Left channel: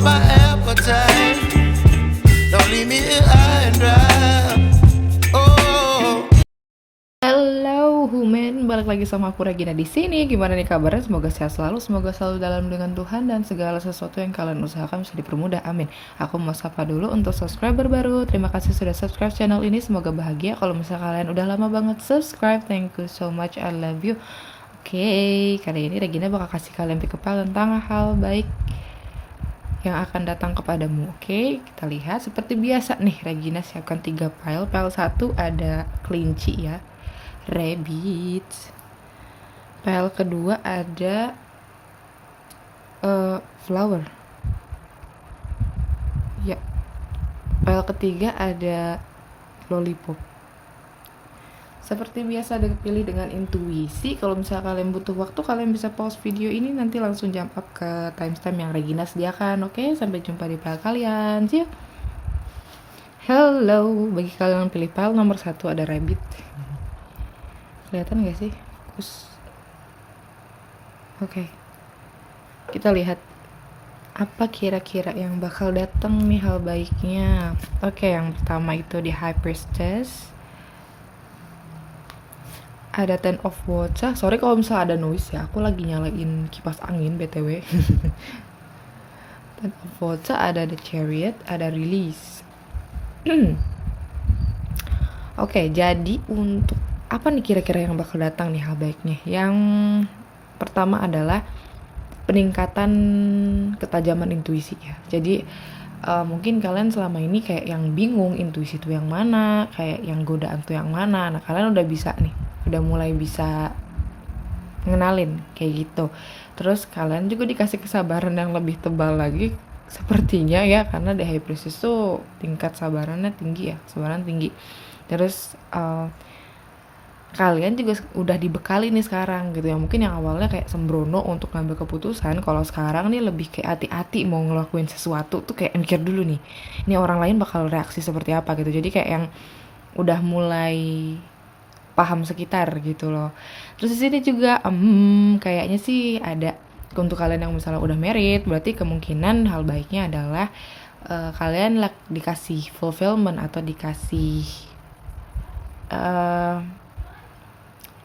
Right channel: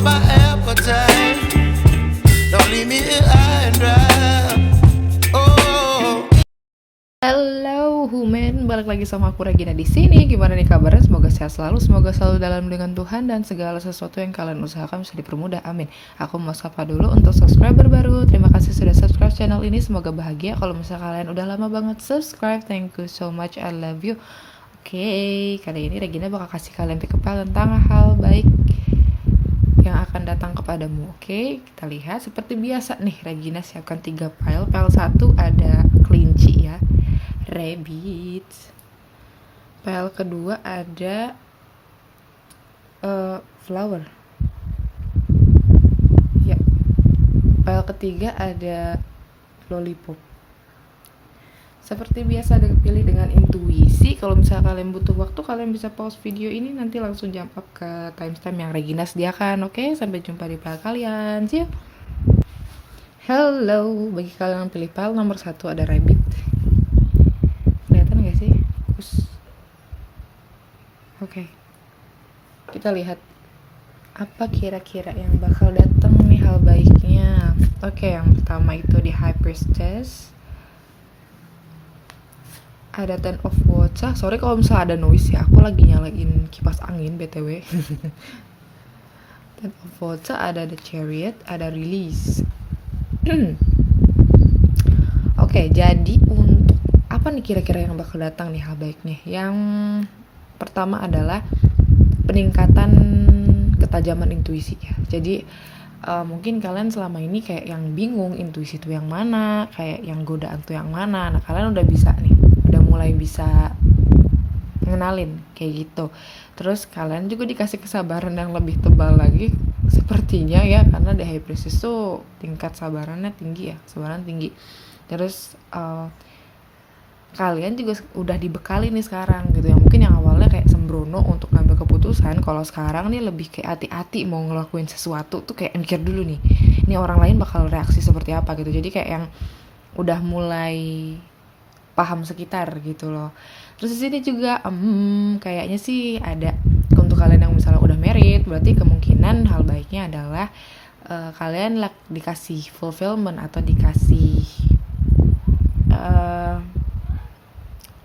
up my appetite. Don't leave me here high and dry. Oh. Halo Human, balik lagi sama aku Regina di sini. Gimana nih kabarnya? Semoga sehat selalu, semoga selalu dalam lindungan Tuhan dan segala sesuatu yang kalian usahakan bisa dipermudah. Amin. Aku mau sapa dulu untuk subscriber baru. Terima kasih sudah subscribe channel ini. Semoga bahagia. Kalau misalnya kalian udah lama banget subscribe, thank you so much. I love you. Oke, kali ini Regina bakal kasih kalian pick up tentang hal baik yang akan datang kepadamu. Oke, kita lihat seperti biasa nih, Regina siapkan 3 file. File 1 ada kelinci ya, rabbit. File kedua ada flower ya. File ketiga ada lollipop. Seperti biasa dipilih dengan intuisi. Kalau misalnya kalian butuh waktu, kalian bisa pause video ini, nanti langsung jump up ke timestamp yang Regina sediakan. Oke, sampai jumpa di file kalian. See you. Hello, bagi kalian yang pilih file nomor 1 ada rabbit. Kelihatan gak sih? Fokus. Oke, kita lihat apa kira-kira yang bakal datang nih hal baiknya. Oke, yang pertama itu di High Priestess. Ada Ten of Wands. Sorry kalau misalnya ada noise ya, aku lagi nyalain kipas angin BTW. Ten of Wands, ada The Chariot, ada Release. Oke, jadi untuk apa nih kira-kira yang bakal datang nih hal baiknya? Yang pertama adalah peningkatan ketajaman intuisi ya. Jadi mungkin kalian selama ini kayak yang bingung intuisi itu yang mana, kayak yang godaan tuh yang mana. Nah, kalian udah bisa nih, udah mulai bisa ngenalin kayak gitu. Terus kalian juga dikasih kesabaran yang lebih tebal lagi sepertinya ya, karena di High Priestess tuh tingkat sabarannya tinggi ya, sabaran tinggi. Terus kalian juga udah dibekali nih sekarang gitu ya. Mungkin yang awalnya kayak sembrono untuk ngambil keputusan, kalau sekarang nih lebih kayak hati-hati mau ngelakuin sesuatu tuh, kayak mikir dulu nih, ini orang lain bakal reaksi seperti apa gitu. Jadi kayak yang udah mulai paham sekitar gitu loh. Terus di sini juga kayaknya sih ada untuk kalian yang misalnya udah married, berarti kemungkinan hal baiknya adalah kalian dikasih fulfillment atau dikasih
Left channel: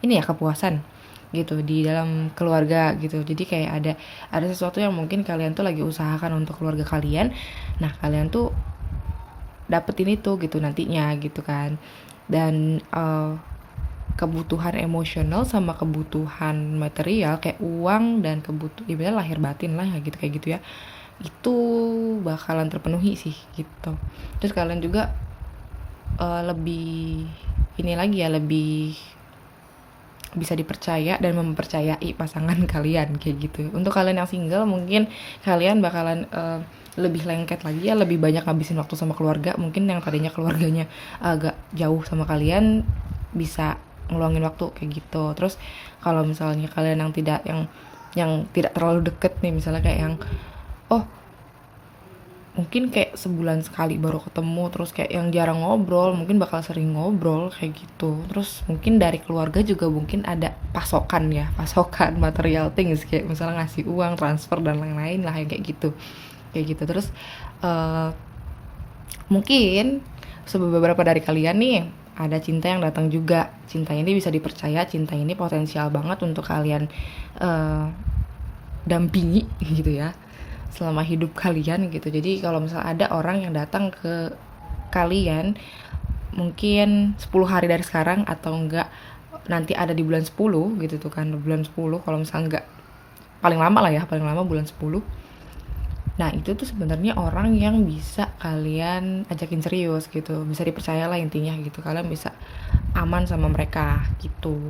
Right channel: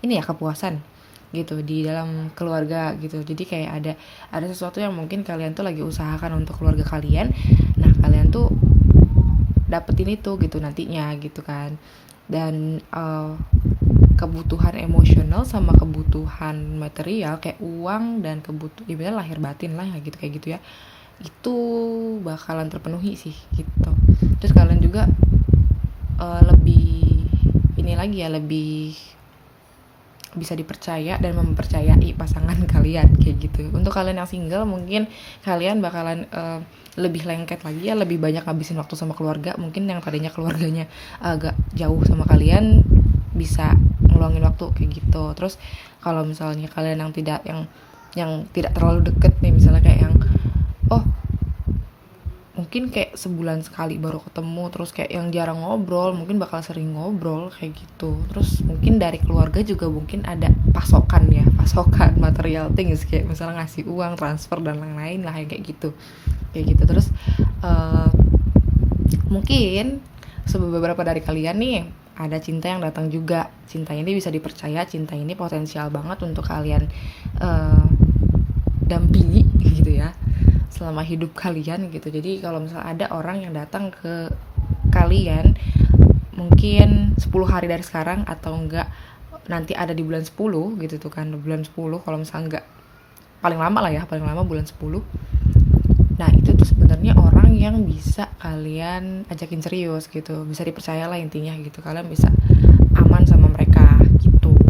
ini ya, kepuasan gitu di dalam keluarga gitu. Jadi kayak ada sesuatu yang mungkin kalian tuh lagi usahakan untuk keluarga kalian. Nah, kalian tuh dapetin itu gitu nantinya gitu kan. Dan kebutuhan emosional sama kebutuhan material kayak uang dan ibaratnya lahir batin lah ya gitu, kayak gitu ya, itu bakalan terpenuhi sih gitu. Terus kalian juga lebih ini lagi ya, lebih bisa dipercaya dan mempercayai pasangan kalian kayak gitu. Untuk kalian yang single mungkin kalian bakalan lebih lengket lagi ya, lebih banyak ngabisin waktu sama keluarga. Mungkin yang tadinya keluarganya agak jauh sama kalian bisa ngeluangin waktu kayak gitu. Terus kalau misalnya kalian yang tidak terlalu deket nih, misalnya kayak yang mungkin kayak sebulan sekali baru ketemu, terus kayak yang jarang ngobrol, mungkin bakal sering ngobrol kayak gitu. Terus mungkin dari keluarga juga mungkin ada pasokan material things, kayak misalnya ngasih uang, transfer dan lain-lain lah kayak gitu. Terus mungkin beberapa dari kalian nih ada cinta yang datang juga. Cinta ini bisa dipercaya, cinta ini potensial banget untuk kalian dampingi gitu ya selama hidup kalian gitu. Jadi kalau misalnya ada orang yang datang ke kalian mungkin 10 hari dari sekarang, atau enggak nanti ada di bulan 10 gitu tuh kan, bulan 10 kalau misalnya enggak, paling lama bulan 10. Nah, itu tuh sebenarnya orang yang bisa kalian ajakin serius gitu, bisa dipercaya lah intinya gitu. Kalian bisa aman sama mereka gitu.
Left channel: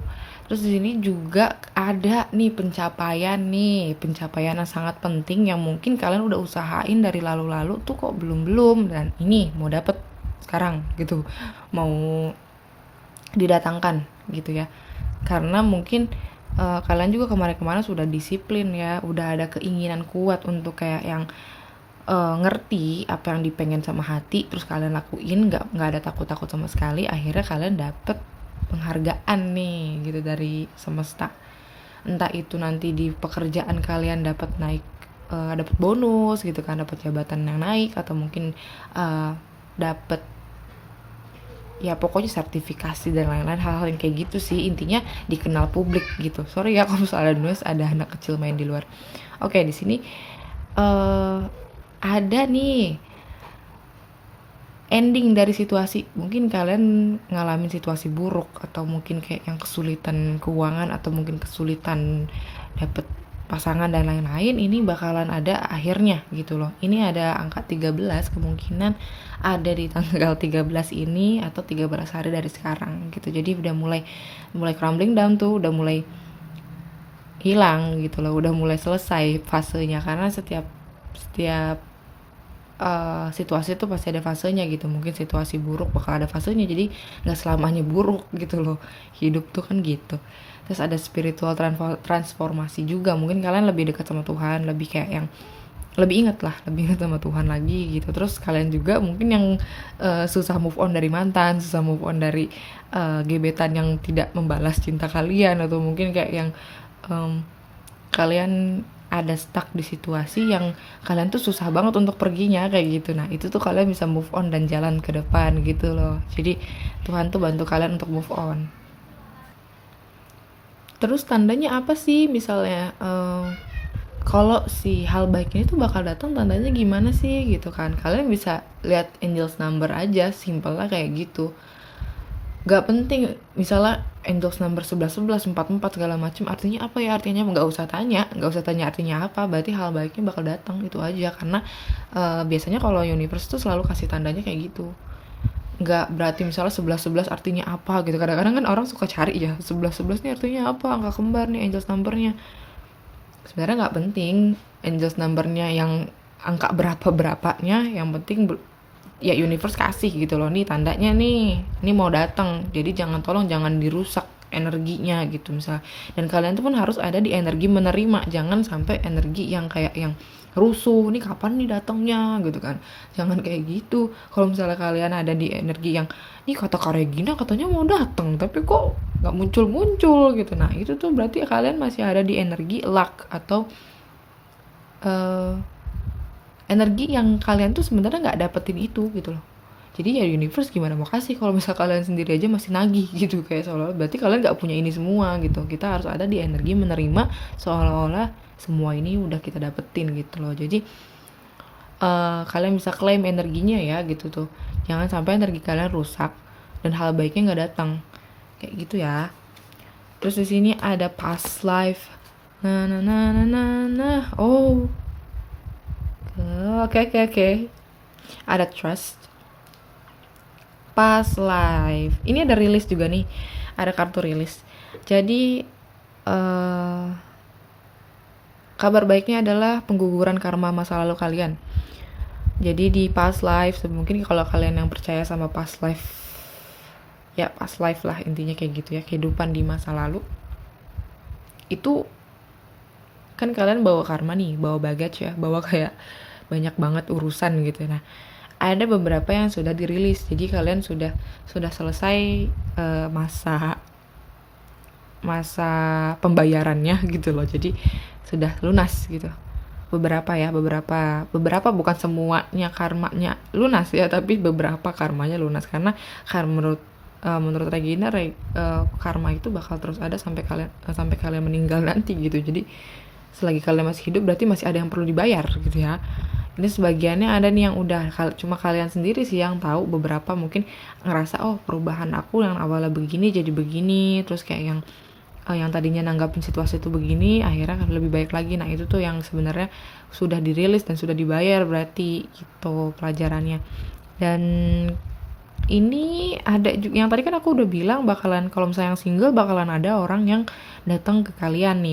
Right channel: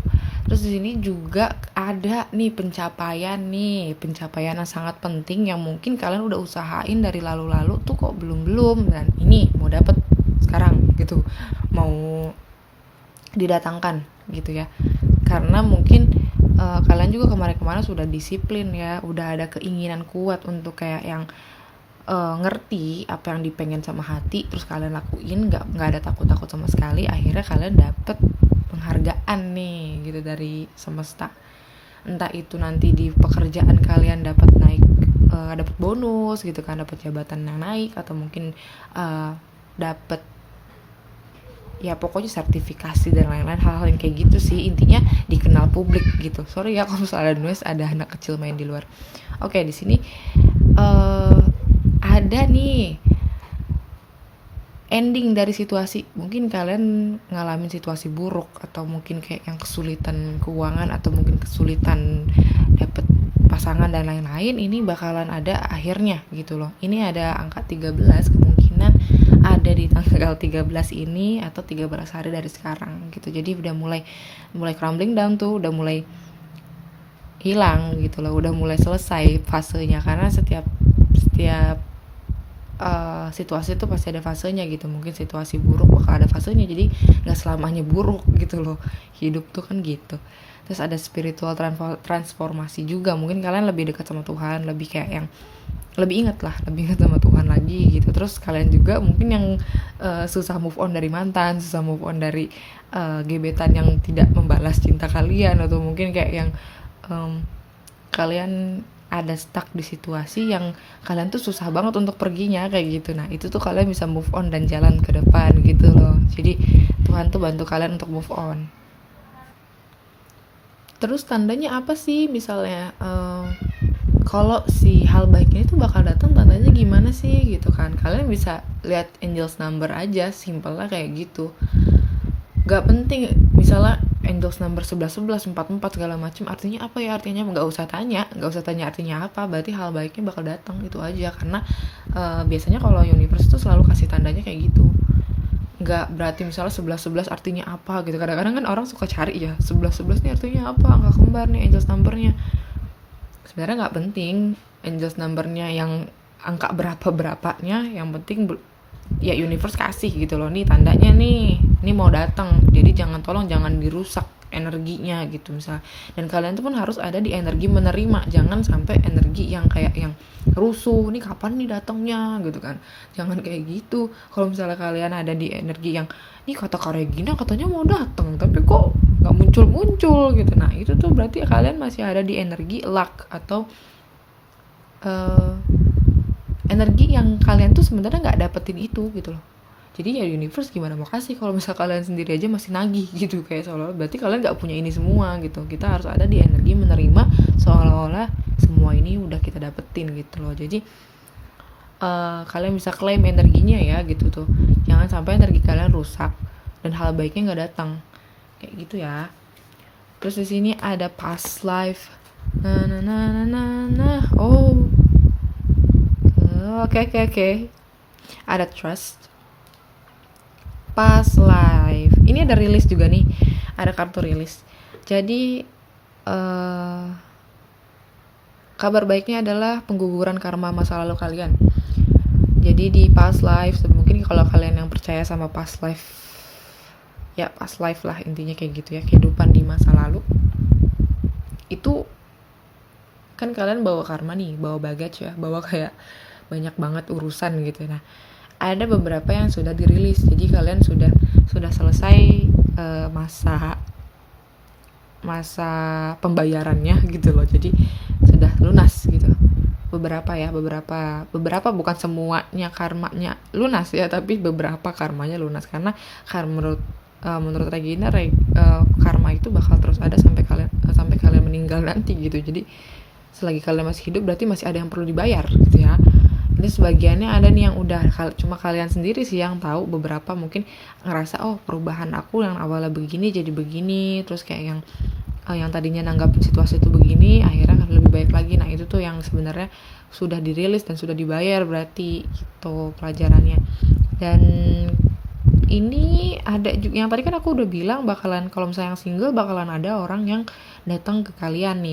Terus di sini juga ada nih pencapaian yang sangat penting yang mungkin kalian udah usahain dari lalu-lalu tuh kok belum, dan ini mau dapet sekarang gitu, mau didatangkan gitu ya. Karena mungkin kalian juga kemarin-kemarin sudah disiplin ya, udah ada keinginan kuat untuk kayak yang ngerti apa yang dipengen sama hati, terus kalian lakuin, nggak ada takut sama sekali. Akhirnya kalian dapet penghargaan nih gitu dari semesta. Entah itu nanti di pekerjaan kalian dapat naik dapat bonus gitu kan, dapat jabatan yang naik, atau mungkin dapat ya pokoknya sertifikasi dan lain-lain, hal-hal yang kayak gitu sih, intinya dikenal publik gitu. Sorry ya kalau misalnya ada noise, ada anak kecil main di luar. Oke, di sini ada nih ending dari situasi. Mungkin kalian ngalamin situasi buruk, atau mungkin kayak yang kesulitan keuangan, atau mungkin kesulitan dapet pasangan dan lain-lain. Ini bakalan ada akhirnya gitu loh. Ini ada angka 13, kemungkinan ada di tanggal 13 ini atau 13 hari dari sekarang gitu. Jadi udah mulai crumbling down tuh, udah mulai hilang gitu loh, udah mulai selesai fasenya. Karena setiap situasi itu pasti ada fasenya gitu. Mungkin situasi buruk bakal ada fasenya, jadi nggak selamanya buruk gitu loh, hidup tuh kan gitu. Terus ada spiritual transformasi juga. Mungkin kalian lebih dekat sama Tuhan, lebih kayak yang lebih ingat sama Tuhan lagi gitu. Terus kalian juga mungkin yang susah move on dari mantan, susah move on dari gebetan yang tidak membalas cinta kalian, atau mungkin kayak yang kalian ada stuck di situasi yang kalian tuh susah banget untuk perginya kayak gitu. Nah itu tuh kalian bisa move on dan jalan ke depan gitu loh. Jadi Tuhan tuh bantu kalian untuk move on. Terus tandanya apa sih? Misalnya kalau si hal baik ini tuh bakal datang, tandanya gimana sih gitu kan. Kalian bisa lihat angels number aja, simple lah kayak gitu. Gak penting misalnya angels number 11 44 segala macam artinya apa ya, artinya nggak usah tanya artinya apa, berarti hal baiknya bakal datang, itu aja. Karena biasanya kalau universe tuh selalu kasih tandanya kayak gitu. Nggak berarti misalnya 11 artinya apa gitu. Kadang-kadang kan orang suka cari ya, 11 nih artinya apa, angka kembar nih angels numbernya. Sebenarnya nggak penting angels numbernya yang angka berapanya, yang penting ya universe kasih gitu loh, nih tandanya nih, ini mau datang, jadi tolong jangan dirusak energinya gitu misalnya. Dan kalian tuh pun harus ada di energi menerima, jangan sampai energi yang kayak yang rusuh, nih kapan nih datangnya gitu kan, jangan kayak gitu. Kalau misalnya kalian ada di energi yang nih kata Kak Regina katanya mau datang tapi kok nggak muncul gitu, nah itu tuh berarti kalian masih ada di energi luck, atau energi yang kalian tuh sebenarnya nggak dapetin itu gitu loh. Jadi ya universe gimana mau kasih kalau misal kalian sendiri aja masih nagih gitu, kayak seolah-olah berarti kalian nggak punya ini semua gitu. Kita harus ada di energi menerima, seolah-olah semua ini udah kita dapetin gitu loh. Jadi kalian bisa klaim energinya ya gitu tuh, jangan sampai energi kalian rusak dan hal baiknya nggak datang kayak gitu ya. Terus di sini ada past life. Oh, oke. Ada trust, past life. Ini ada rilis juga nih, ada kartu rilis. Jadi kabar baiknya adalah pengguguran karma masa lalu kalian. Jadi di past life, mungkin kalau kalian yang percaya sama past life, ya past life lah intinya kayak gitu ya, kehidupan di masa lalu itu kan kalian bawa karma nih, bawa baggage ya, bawa kayak banyak banget urusan gitu. Nah ada beberapa yang sudah dirilis, jadi kalian sudah selesai masa pembayarannya gitu loh, jadi sudah lunas gitu. Beberapa bukan semuanya karmanya lunas ya, tapi beberapa karmanya lunas. Karena menurut Regina karma itu bakal terus ada sampai kalian meninggal nanti gitu. Jadi selagi kalian masih hidup berarti masih ada yang perlu dibayar gitu ya. Ini sebagiannya ada nih yang udah cuma kalian sendiri sih yang tahu. Beberapa mungkin ngerasa oh perubahan aku yang awalnya begini jadi begini, terus kayak yang tadinya nanggapin situasi itu begini akhirnya lebih baik lagi. Nah itu tuh yang sebenarnya sudah dirilis dan sudah dibayar berarti gitu pelajarannya. Dan ini ada juga yang tadi kan aku udah bilang bakalan kalau misalnya yang single bakalan ada orang yang datang ke kalian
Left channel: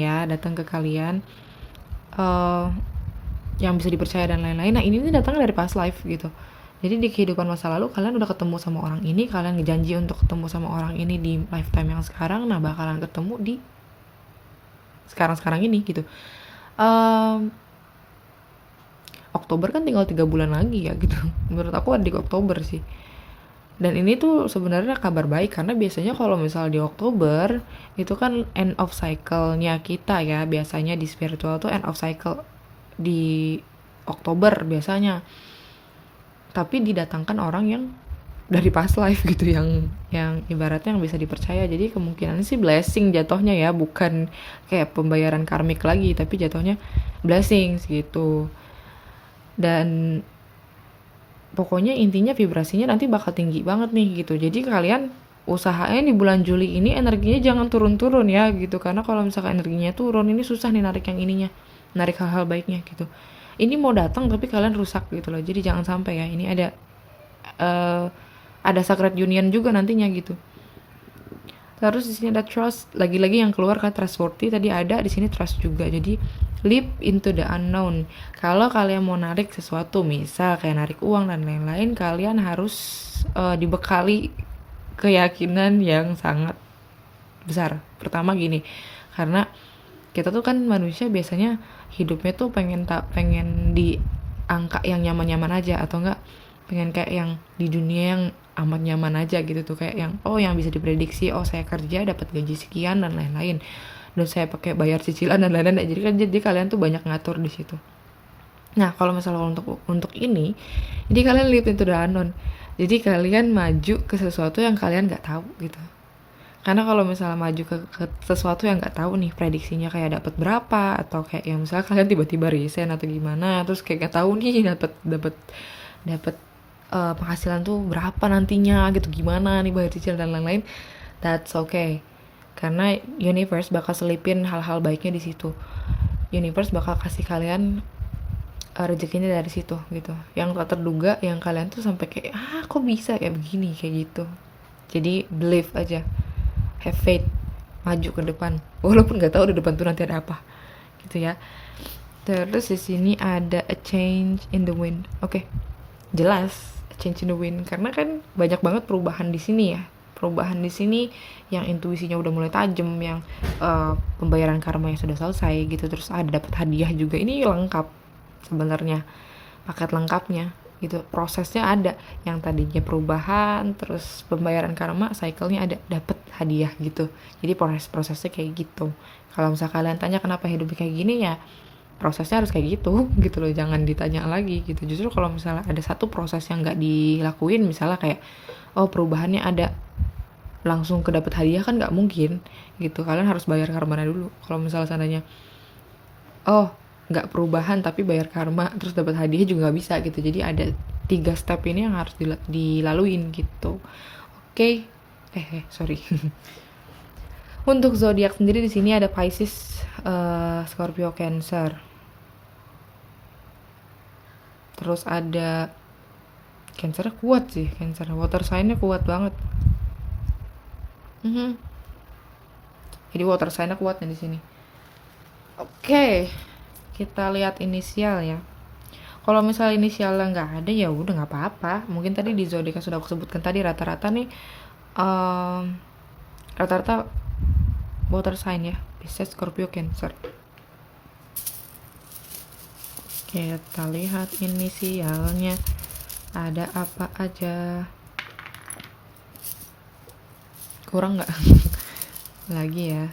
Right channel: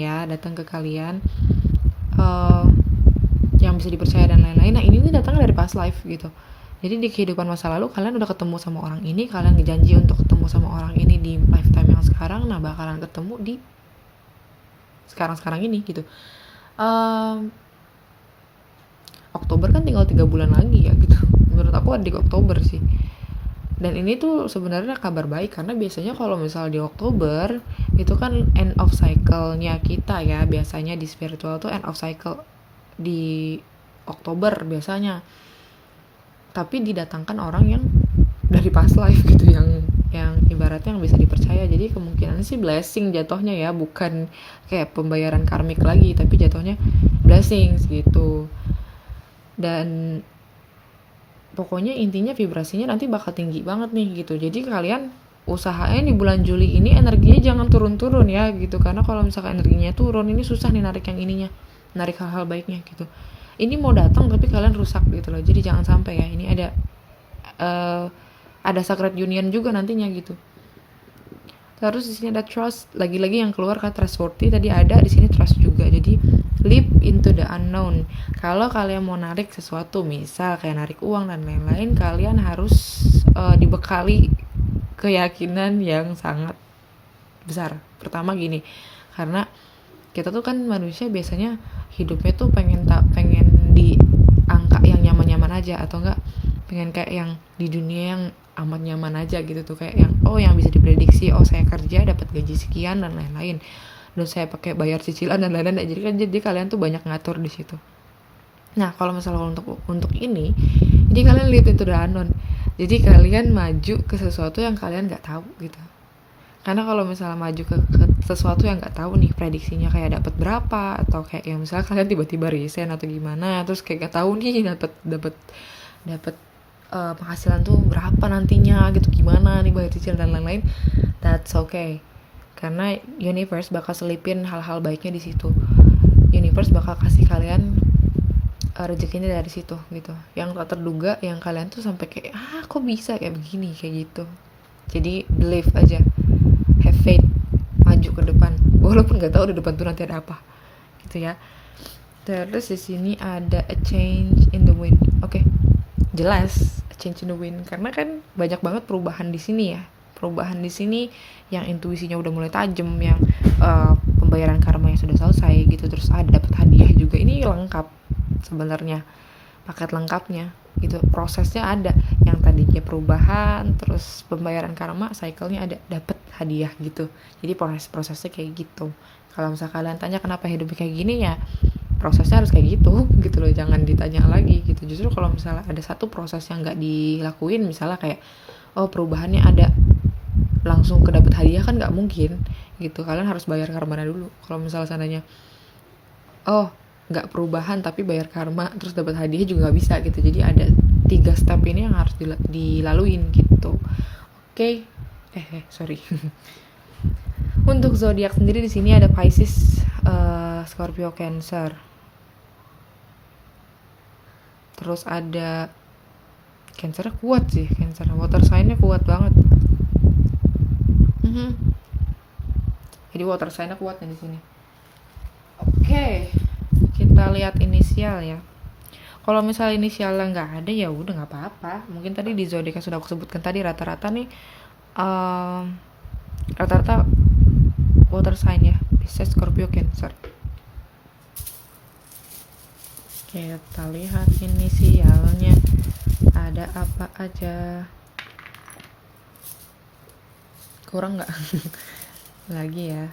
yang bisa dipercaya dan lain-lain. Nah ini datang dari past life gitu. Jadi di kehidupan masa lalu kalian udah ketemu sama orang ini, kalian ngejanji untuk ketemu sama orang ini di lifetime yang sekarang, nah bakalan ketemu di sekarang ini gitu. Oktober kan tinggal 3 bulan lagi ya gitu. Menurut aku ada di Oktober sih. Dan ini tuh sebenarnya kabar baik, karena biasanya kalau misal di Oktober itu kan end of cycle-nya kita ya, biasanya di spiritual tuh end of cycle di Oktober biasanya, tapi didatangkan orang yang dari past life gitu, yang ibaratnya yang bisa dipercaya. Jadi kemungkinan sih blessing jatuhnya ya, bukan kayak pembayaran karmik lagi, tapi jatuhnya blessing gitu. Dan pokoknya intinya vibrasinya nanti bakal tinggi banget nih gitu. Jadi kalian usahain di bulan Juli ini energinya jangan turun-turun ya gitu, karena kalau misalkan energinya turun ini susah nih narik yang ininya, narik hal-hal baiknya gitu. Ini mau datang tapi kalian rusak gitu loh. Jadi jangan sampai ya. Ini ada sacred union juga nantinya gitu. Terus di sini ada trust, lagi-lagi yang keluar kan trustworthy, tadi ada di sini trust juga. Jadi leap into the unknown. Kalau kalian mau narik sesuatu, misal kayak narik uang dan lain-lain, kalian harus dibekali keyakinan yang sangat besar. Pertama gini, karena kita tuh kan manusia biasanya hidupnya tuh pengen di angka yang nyaman-nyaman aja, atau enggak pengen kayak yang di dunia yang amat nyaman aja gitu tuh, kayak yang yang bisa diprediksi, saya kerja dapat gaji sekian dan lain-lain, dan saya pakai bayar cicilan dan lain-lain. Jadi kalian tuh banyak ngatur di situ. Nah kalau misalnya untuk ini, jadi kalian lihat itu the unknown. Jadi kalian maju ke sesuatu yang kalian nggak tahu gitu. Karena kalau misalnya maju ke sesuatu yang nggak tahu nih prediksinya kayak dapat berapa, atau kayak yang misalnya kalian tiba-tiba resign atau gimana, terus kayak nggak tahu nih dapat penghasilan tuh berapa nantinya gitu, gimana nih bayar cicilan dan lain-lain, that's okay. Karena universe bakal selipin hal-hal baiknya di situ. Universe bakal kasih kalian rezekinya dari situ gitu, yang tak terduga, yang kalian tuh sampai kayak kok bisa kayak begini kayak gitu. Jadi believe aja, have faith, maju ke depan walaupun nggak tahu di depan tuh nanti ada apa gitu ya. Terus di sini ada a change in the wind. Oke, jelas a change in the wind karena kan banyak banget perubahan di sini ya. Perubahan di sini yang intuisinya udah mulai tajam, yang pembayaran karma yang sudah selesai gitu. Terus ada dapat hadiah juga. Ini lengkap sebenarnya, paket lengkapnya gitu. Prosesnya ada yang tadinya perubahan, terus pembayaran karma, cycle-nya ada, dapat hadiah gitu. Jadi prosesnya kayak gitu. Kalau misalnya kalian tanya kenapa hidupnya kayak gini, ya prosesnya harus kayak gitu loh, jangan ditanya lagi gitu. Justru kalau misalnya ada satu proses yang nggak dilakuin, misalnya kayak perubahannya ada langsung ke dapat hadiah, kan nggak mungkin gitu. Kalian harus bayar karmanya dulu. Kalau misalnya seandainya nggak perubahan tapi bayar karma terus dapat hadiah juga nggak bisa gitu. Jadi ada 3 step ini yang harus dilaluin gitu. Oke. Sorry. Untuk zodiak sendiri di sini ada Pisces, Scorpio, Cancer. Terus ada Cancer kuat sih, Cancer water sign-nya kuat banget. Jadi water sign-nya kuat nih di sini. Oke. Kita lihat inisial ya. Kalau misalnya inisialnya nggak ada, ya udah nggak apa-apa. Mungkin tadi di zodiak yang sudah aku sebutkan tadi rata-rata nih rata-rata water sign ya, Pisces, Scorpio, Cancer. Kita lihat inisialnya ada apa aja. Kurang nggak? Lagi ya.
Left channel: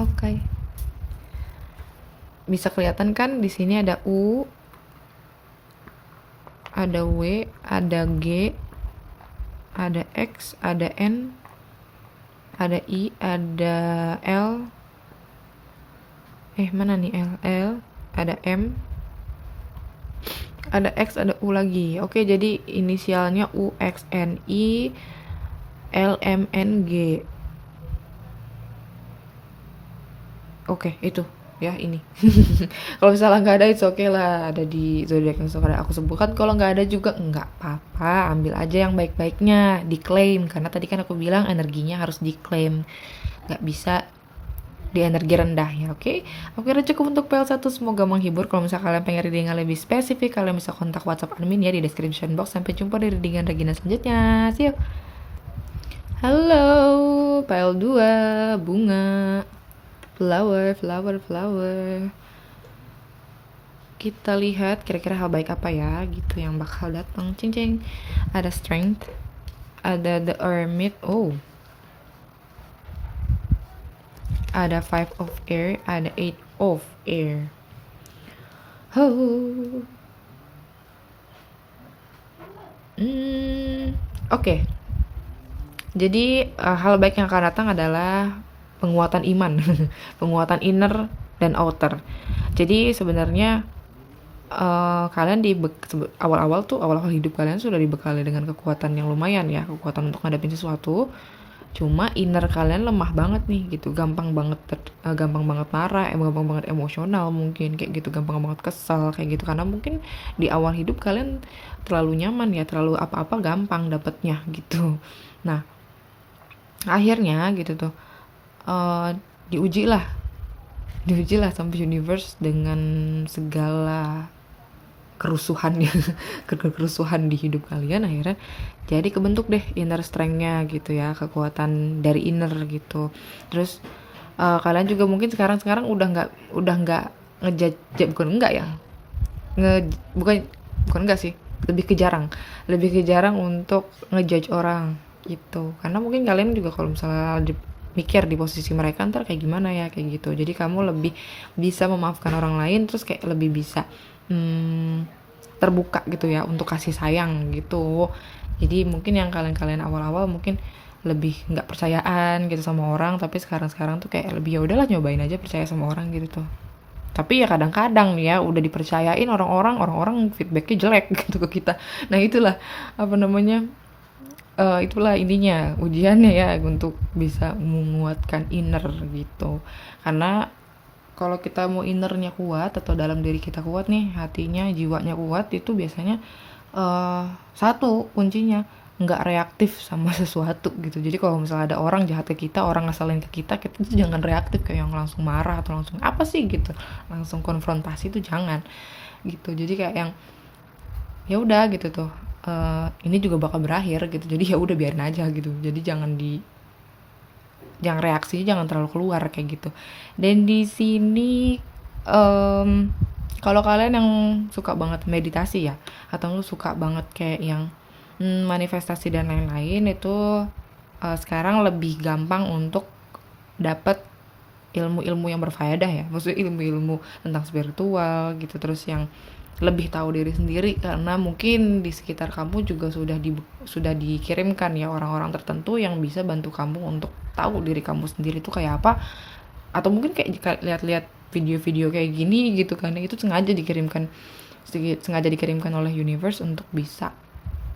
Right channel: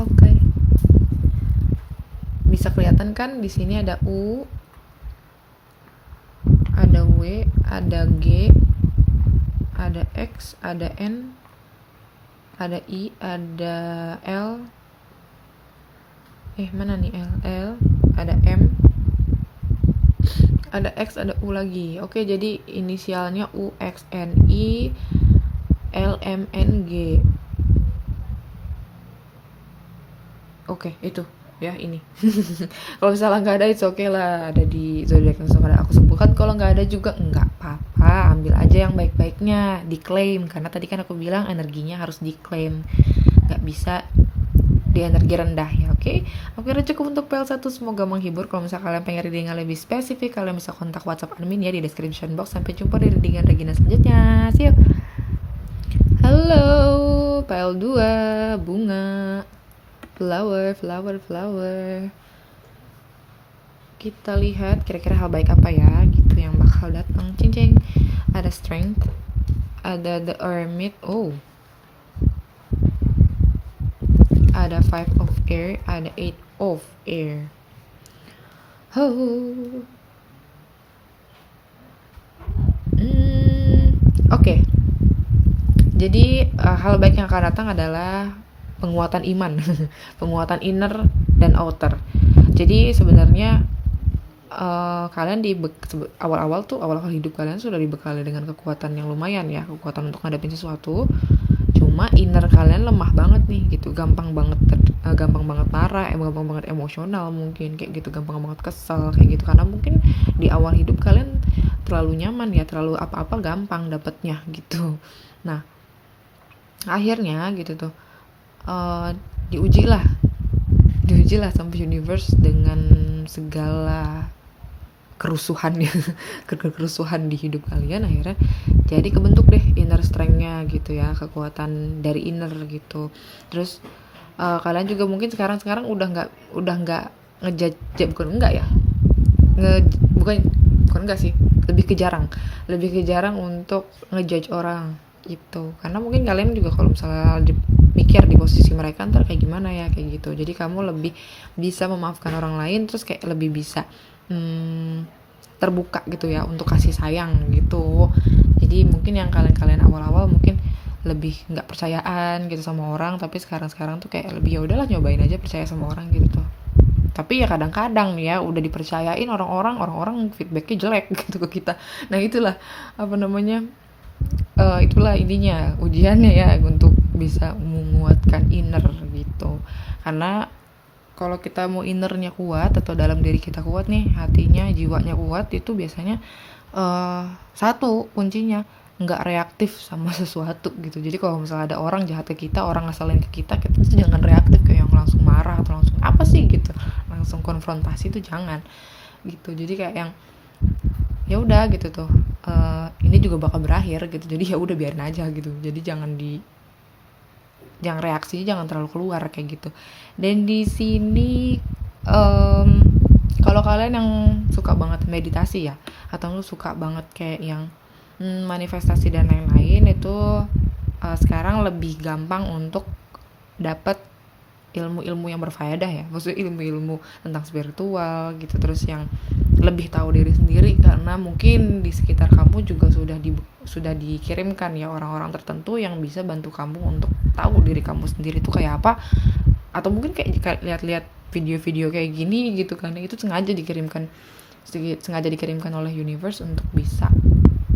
Oke. Bisa kelihatan kan di sini ada U, ada W, ada G, ada X, ada N, ada I, ada L. Mana nih L, ada M, ada X, ada U lagi. Oke, jadi inisialnya U, X, N, I, L, M, N, G. Oke, itu ya ini. Kalau misalnya nggak ada, it's okay lah, ada di zodiak yang sudah aku sebutkan. Kalau nggak ada juga nggak apa-apa, ambil aja yang baik-baiknya, diklaim. Karena tadi kan aku bilang energinya harus diklaim, nggak bisa di energi rendah ya. Oke, kira cukup untuk PL1. Semoga menghibur. Kalau misalnya kalian pengen reading yang lebih spesifik, kalian bisa kontak WhatsApp admin ya di description box. Sampai jumpa di readingan Regina selanjutnya. See you. Halo, PL2 bunga, flower. Kita lihat kira-kira hal baik apa ya gitu yang bakal datang. Cing. Ada strength, ada the hermit, ada 5 of air, ada 8 of air. Huh. Oke. Jadi hal baik yang akan datang adalah penguatan iman, penguatan inner dan outer. Jadi sebenarnya kalian awal-awal hidup kalian sudah dibekali dengan kekuatan yang lumayan ya, kekuatan untuk ngadepin sesuatu. Cuma inner kalian lemah banget nih gitu, gampang banget marah, gampang banget emosional mungkin kayak gitu, gampang banget kesel kayak gitu, karena mungkin di awal hidup kalian terlalu nyaman ya, terlalu apa-apa gampang dapetnya gitu. Nah akhirnya gitu tuh diujilah sampai universe dengan segala kerusuhannya kerusuhan di hidup kalian. Akhirnya jadi kebentuk deh inner strength-nya gitu ya, kekuatan dari inner gitu. Terus kalian juga mungkin sekarang udah nggak ngejudge, bukan enggak sih, lebih ke jarang untuk ngejudge orang gitu, karena mungkin kalian juga kalau misalnya mikir di posisi mereka ntar kayak gimana ya kayak gitu. Jadi kamu lebih bisa memaafkan orang lain, terus kayak lebih bisa terbuka gitu ya untuk kasih sayang gitu. Jadi mungkin yang kalian awal-awal mungkin lebih nggak percayaan gitu sama orang, tapi sekarang tuh kayak lebih ya udahlah, nyobain aja percaya sama orang gitu tuh. Tapi ya kadang-kadang nih ya udah dipercayain orang-orang feedbacknya jelek gitu ke kita. Nah itulah apa namanya, itulah intinya ujiannya ya, untuk bisa menguatkan inner gitu. Karena kalau kita mau innernya kuat atau dalam diri kita kuat nih, hatinya, jiwanya kuat, itu biasanya satu kuncinya nggak reaktif sama sesuatu gitu. Jadi kalau misalnya ada orang jahat ke kita, orang ngeselin ke kita tuh jangan reaktif kayak yang langsung marah atau langsung apa sih gitu, langsung konfrontasi tuh jangan gitu. Jadi kayak yang ya udah gitu tuh, ini juga bakal berakhir gitu, jadi ya udah biarin aja gitu. Jadi jangan reaksinya jangan terlalu keluar kayak gitu. Dan di sini kalau kalian yang suka banget meditasi ya, atau lu suka banget kayak yang manifestasi dan lain-lain, itu sekarang lebih gampang untuk dapat ilmu-ilmu yang berfaedah ya, maksudnya ilmu-ilmu tentang spiritual gitu, terus yang lebih tahu diri sendiri, karena mungkin di sekitar kamu juga sudah dikirimkan ya orang-orang tertentu yang bisa bantu kamu untuk tahu diri kamu sendiri itu kayak apa. Atau mungkin kayak jika lihat-lihat video-video kayak gini gitu kan, itu sengaja dikirimkan oleh universe untuk bisa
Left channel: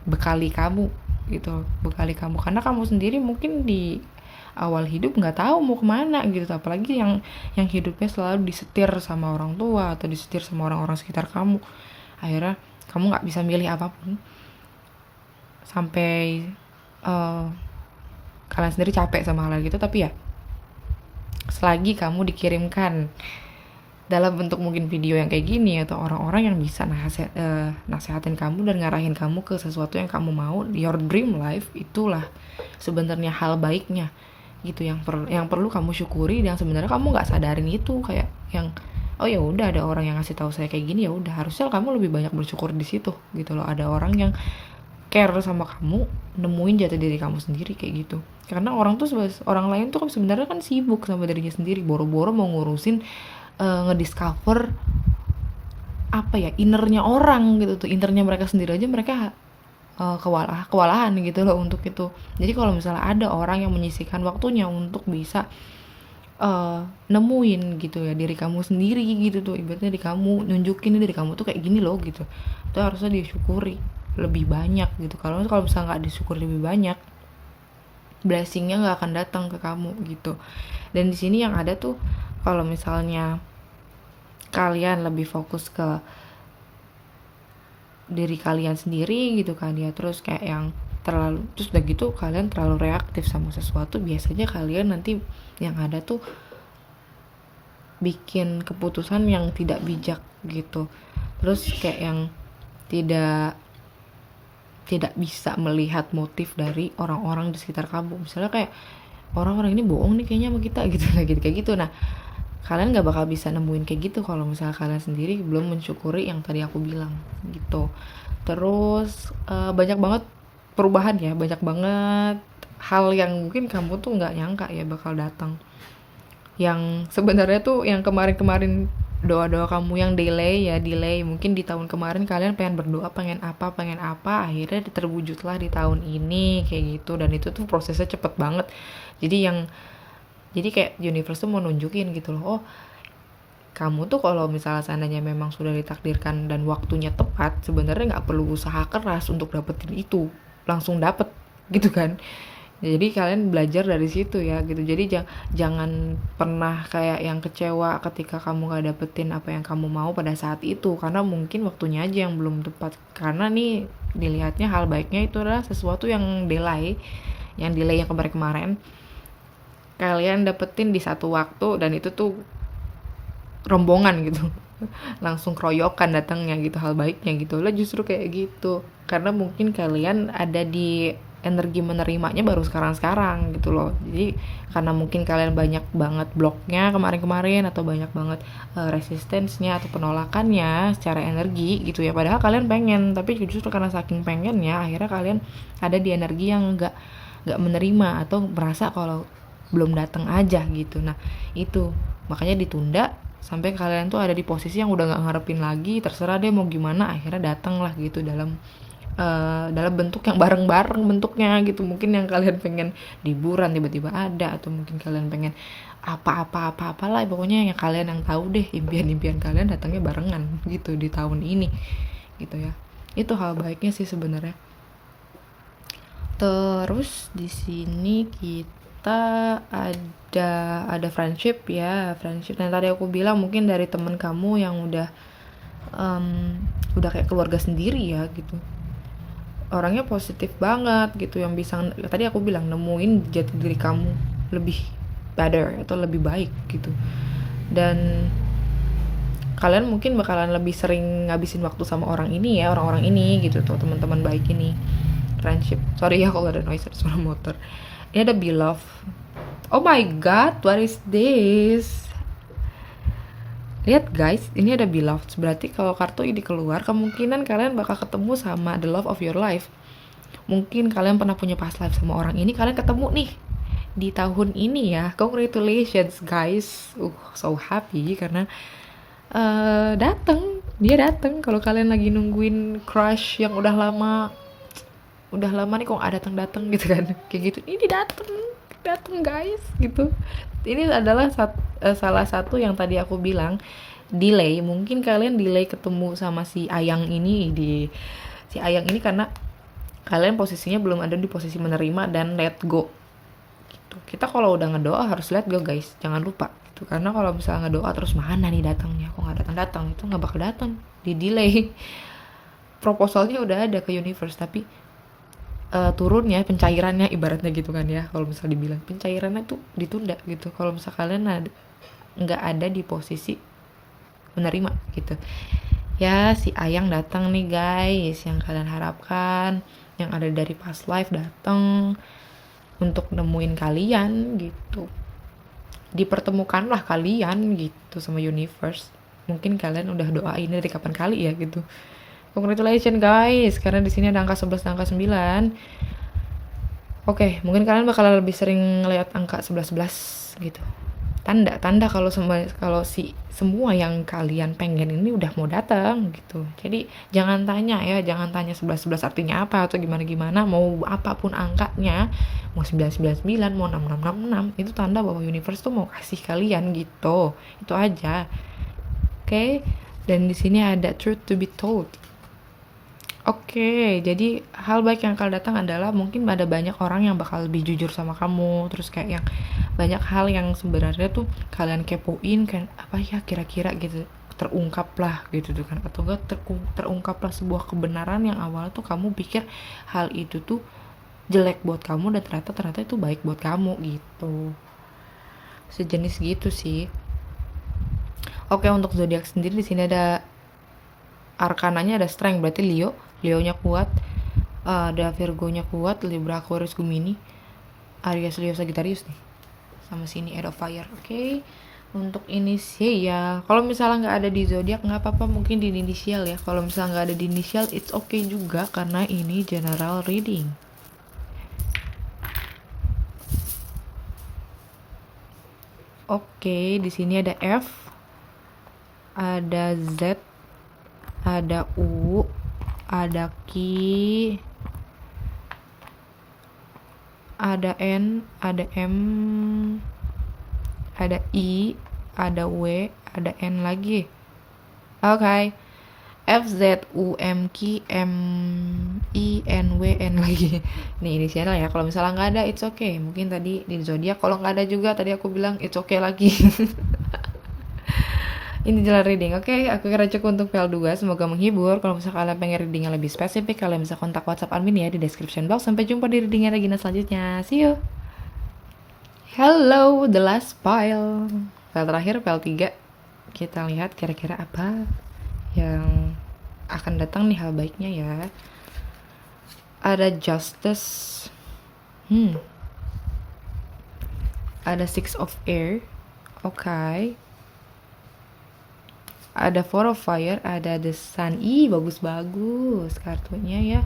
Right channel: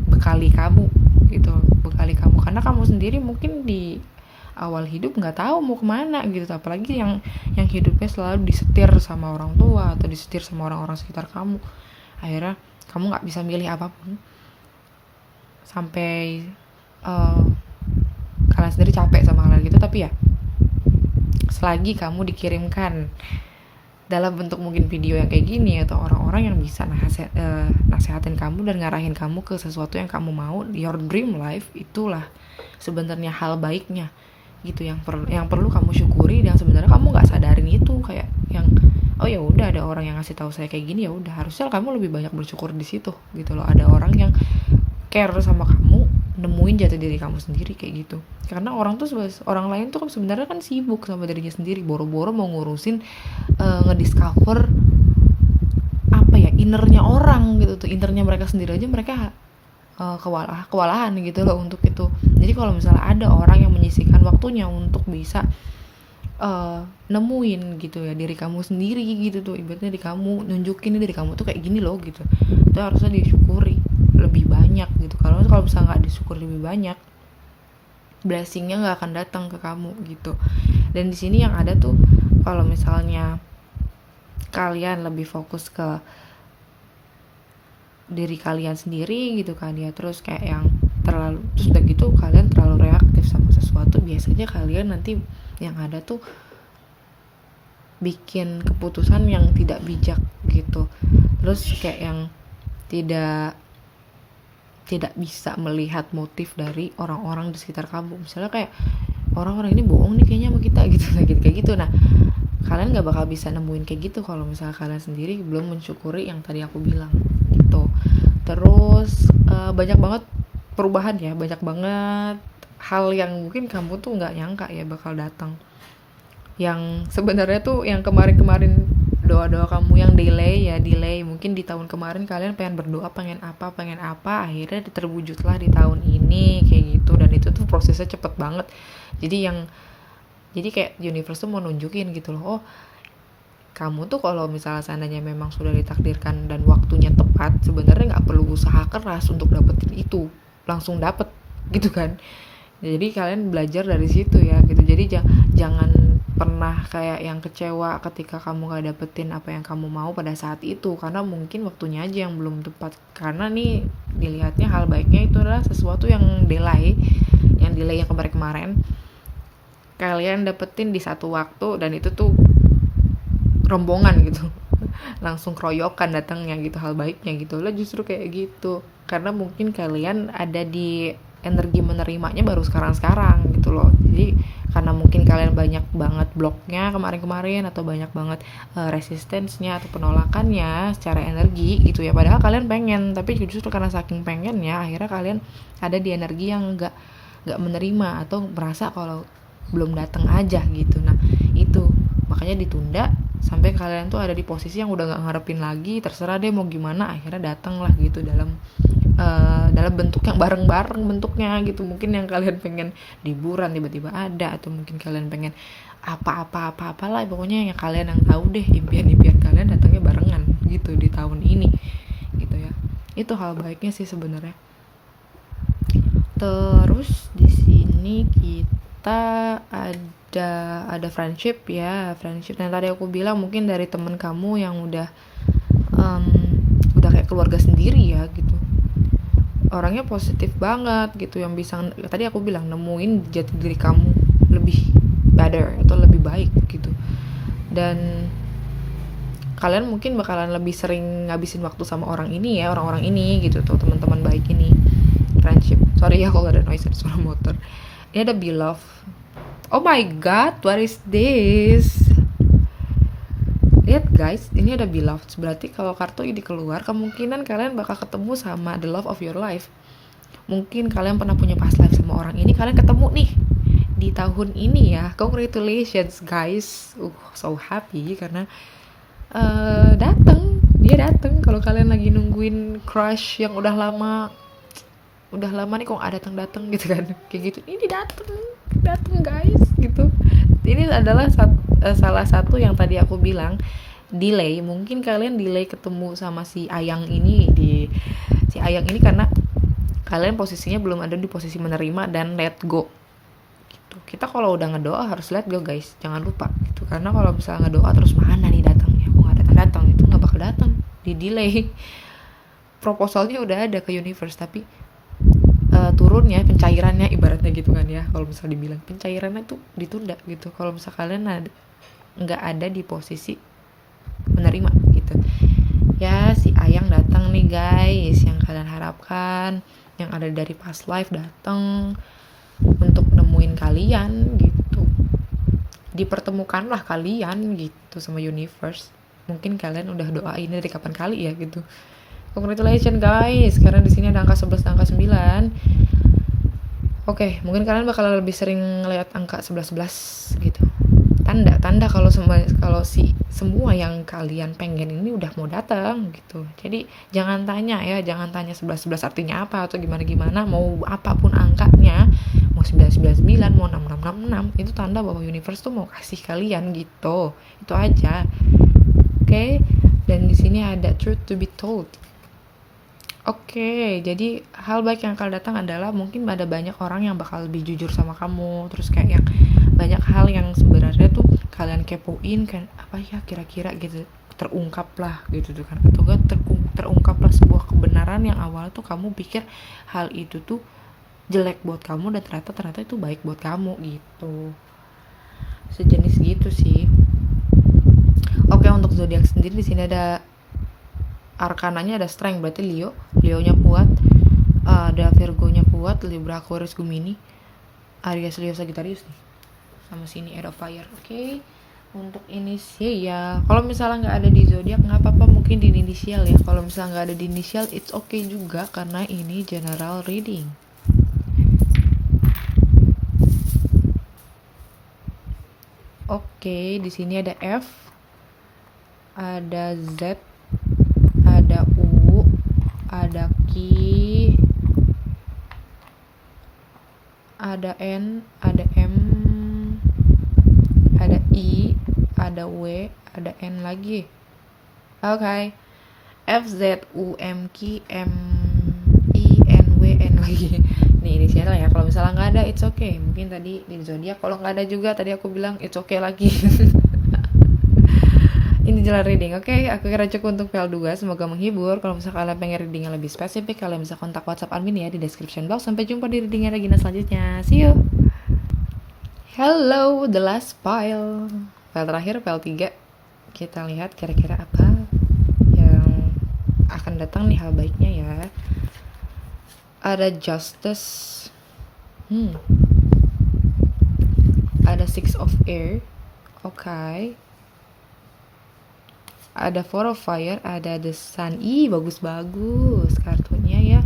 bekali kamu gitu, karena kamu sendiri mungkin di awal hidup nggak tahu mau kemana gitu, apalagi yang hidupnya selalu disetir sama orang tua atau disetir sama orang-orang sekitar kamu. Akhirnya kamu nggak bisa milih apapun sampai kalian sendiri capek sama hal gitu. Tapi ya selagi kamu dikirimkan dalam bentuk mungkin video yang kayak gini atau orang-orang yang bisa nasehatin kamu dan ngarahin kamu ke sesuatu yang kamu mau, your dream life, itulah sebenarnya hal baiknya gitu, yang perlu kamu syukuri. Dan sebenarnya kamu nggak sadarin itu, kayak yang oh ya udah ada orang yang ngasih tahu saya kayak gini, ya udah harusnya kamu lebih banyak bersyukur di situ gitu loh. Ada orang yang care sama kamu, nemuin jati diri kamu sendiri kayak gitu. Karena orang lain tuh sebenarnya kan sibuk sama dirinya sendiri, boro-boro mau ngurusin ngediscover apa ya, innernya orang gitu tuh, innernya mereka sendiri aja mereka kewalahan gitu loh untuk itu. Jadi kalau misalnya ada orang yang menyisihkan waktunya untuk bisa nemuin gitu ya diri kamu sendiri gitu tuh, ibaratnya di kamu nunjukin diri kamu tuh kayak gini loh gitu, itu harusnya disyukuri lebih banyak gitu. Kalau misalnya nggak disyukuri lebih banyak, blessingnya nggak akan datang ke kamu gitu. Dan di sini yang ada tuh, kalau misalnya kalian lebih fokus ke diri kalian sendiri gitu kan ya, terus kayak yang terus udah gitu kalian terlalu reaktif sama sesuatu, biasanya kalian nanti yang ada tuh bikin keputusan yang tidak bijak gitu. Terus kayak yang tidak bisa melihat motif dari orang-orang di sekitar kamu. Misalnya kayak orang-orang ini bohong nih kayaknya sama kita gitu, kayak gitu. Nah kalian nggak bakal bisa nemuin kayak gitu kalau misalnya kalian sendiri belum mensyukuri yang tadi aku bilang gitu. Terus banyak banget perubahan ya, banyak banget hal yang mungkin kamu tuh nggak nyangka ya bakal datang, yang sebenarnya tuh yang kemarin doa-doa kamu yang delay, mungkin di tahun kemarin kalian pengen berdoa pengen apa, akhirnya terwujudlah di tahun ini kayak gitu. Dan itu tuh prosesnya cepet banget. Jadi kayak universe tuh mau nunjukin gitu loh, oh kamu tuh kalau misalnya seandainya memang sudah ditakdirkan dan waktunya tepat, sebenarnya nggak perlu usaha keras untuk dapetin itu, langsung dapet gitu kan. Jadi kalian belajar dari situ ya gitu. Jadi jangan pernah kayak yang kecewa ketika kamu gak dapetin apa yang kamu mau pada saat itu, karena mungkin waktunya aja yang belum tepat. Karena nih dilihatnya hal baiknya itu adalah sesuatu yang delay yang kemarin-kemarin kalian dapetin di satu waktu, dan itu tuh rombongan gitu langsung keroyokan datangnya gitu, hal baiknya gitu lah justru kayak gitu. Karena mungkin kalian ada di energi menerimanya baru sekarang gitu loh. Jadi karena mungkin kalian banyak banget bloknya kemarin-kemarin, atau banyak banget resistensnya atau penolakannya secara energi gitu ya, padahal kalian pengen, tapi justru karena saking pengennya akhirnya kalian ada di energi yang nggak menerima atau merasa kalau belum datang aja gitu. Nah itu makanya ditunda sampai kalian tuh ada di posisi yang udah nggak ngarepin lagi, terserah deh mau gimana, akhirnya datang lah gitu dalam bentuk yang bareng-bareng bentuknya gitu. Mungkin yang kalian pengen liburan tiba-tiba ada, atau mungkin kalian pengen apalah, pokoknya yang kalian yang tahu deh, impian kalian datangnya barengan gitu di tahun ini gitu ya. Itu hal baiknya sih sebenarnya. Terus di sini kita ada friendship yang tadi aku bilang, mungkin dari temen kamu yang udah kayak keluarga sendiri ya gitu, orangnya positif banget gitu, yang bisa tadi aku bilang nemuin jati diri kamu lebih better atau lebih baik gitu. Dan kalian mungkin bakalan lebih sering ngabisin waktu sama orang-orang ini gitu tuh, teman-teman baik ini. Friendship, sorry ya kalau ada noise, ada suara motor. Ini ada beloved. Oh my god, what is this? Lihat guys, ini ada beloved. Berarti kalau kartu ini keluar, kemungkinan kalian bakal ketemu sama the love of your life. Mungkin kalian pernah punya past life sama orang ini, kalian ketemu nih di tahun ini ya. Congratulations guys. So happy karena dia datang. Kalau kalian lagi nungguin crush yang udah lama nih kok nggak datang gitu kan, kayak gitu, ini datang guys gitu. Ini adalah salah satu yang tadi aku bilang delay. Mungkin kalian delay ketemu sama si Ayang ini karena kalian posisinya belum ada di posisi menerima dan let go gitu. Kita kalau udah ngedoa harus let go guys, jangan lupa gitu. Karena kalau misalnya ngedoa terus mana nih datangnya, kok nggak datang, itu nggak bakal datang, di delay. Proposalnya udah ada ke universe, tapi turunnya, pencairannya ibaratnya gitu kan ya, kalau misalnya dibilang pencairannya tuh ditunda gitu kalau misalnya kalian nggak ada di posisi menerima gitu ya. Si Ayang datang nih guys, yang kalian harapkan, yang ada dari past life datang untuk nemuin kalian gitu. Dipertemukanlah kalian gitu sama universe. Mungkin kalian udah doain dari kapan kali ya gitu. Congratulations guys, karena di sini ada angka 11 dan angka 9. Oke, mungkin kalian bakal lebih sering ngeliat angka 11 gitu. Tanda kalau semua yang kalian pengen ini udah mau datang gitu. Jadi jangan tanya 11 artinya apa atau gimana, mau apapun angkanya, mau 999, mau 6666, itu tanda bahwa universe tuh mau kasih kalian gitu. Itu aja. Oke, dan di sini ada truth to be told. Oke, jadi hal baik yang akan datang adalah mungkin ada banyak orang yang bakal lebih jujur sama kamu. Terus kayak yang banyak hal yang sebenarnya tuh kalian kepoin kan, apa ya kira-kira gitu, terungkap lah gitu tuh kan. Atau enggak terungkap lah sebuah kebenaran yang awal tuh kamu pikir hal itu tuh jelek buat kamu, dan ternyata itu baik buat kamu gitu. Sejenis gitu sih. Oke, untuk zodiak sendiri di sini ada arkananya, ada strength, berarti Leo-nya kuat, ada Virgo-nya kuat, Libra, Aquarius, Gemini, Aries, Leo, Sagittarius nih, sama sini Air of Fire. Oke. Untuk inisial ya, kalau misalnya nggak ada di zodiak nggak apa-apa, mungkin di inisial ya. Kalau misalnya nggak ada di inisial it's okay juga, karena ini general reading. Oke, di sini ada F, ada Z, ada U, ada Q, ada N, ada M, ada I, ada W, ada N lagi. Oke. F, Z, U, M, Q, M, I, N, W, N lagi. Nih inisial ya. Kalau misalnya nggak ada, it's okay. Mungkin tadi di zodiak. Kalau nggak ada juga, tadi aku bilang it's okay lagi. Ini jalan reading, oke? Aku kira cukup untuk PL2. Semoga menghibur. Kalau misalnya kalian pengen reading yang lebih spesifik, kalian bisa kontak WhatsApp admin ya di description box. Sampai jumpa di readingnya Regina selanjutnya. See you. Hello, the last file. File terakhir, file 3. Kita lihat kira-kira apa yang akan datang nih hal baiknya ya. Ada justice, ada six of air, oke. Ada four of fire, ada the sun. Ih, bagus-bagus kartunya ya.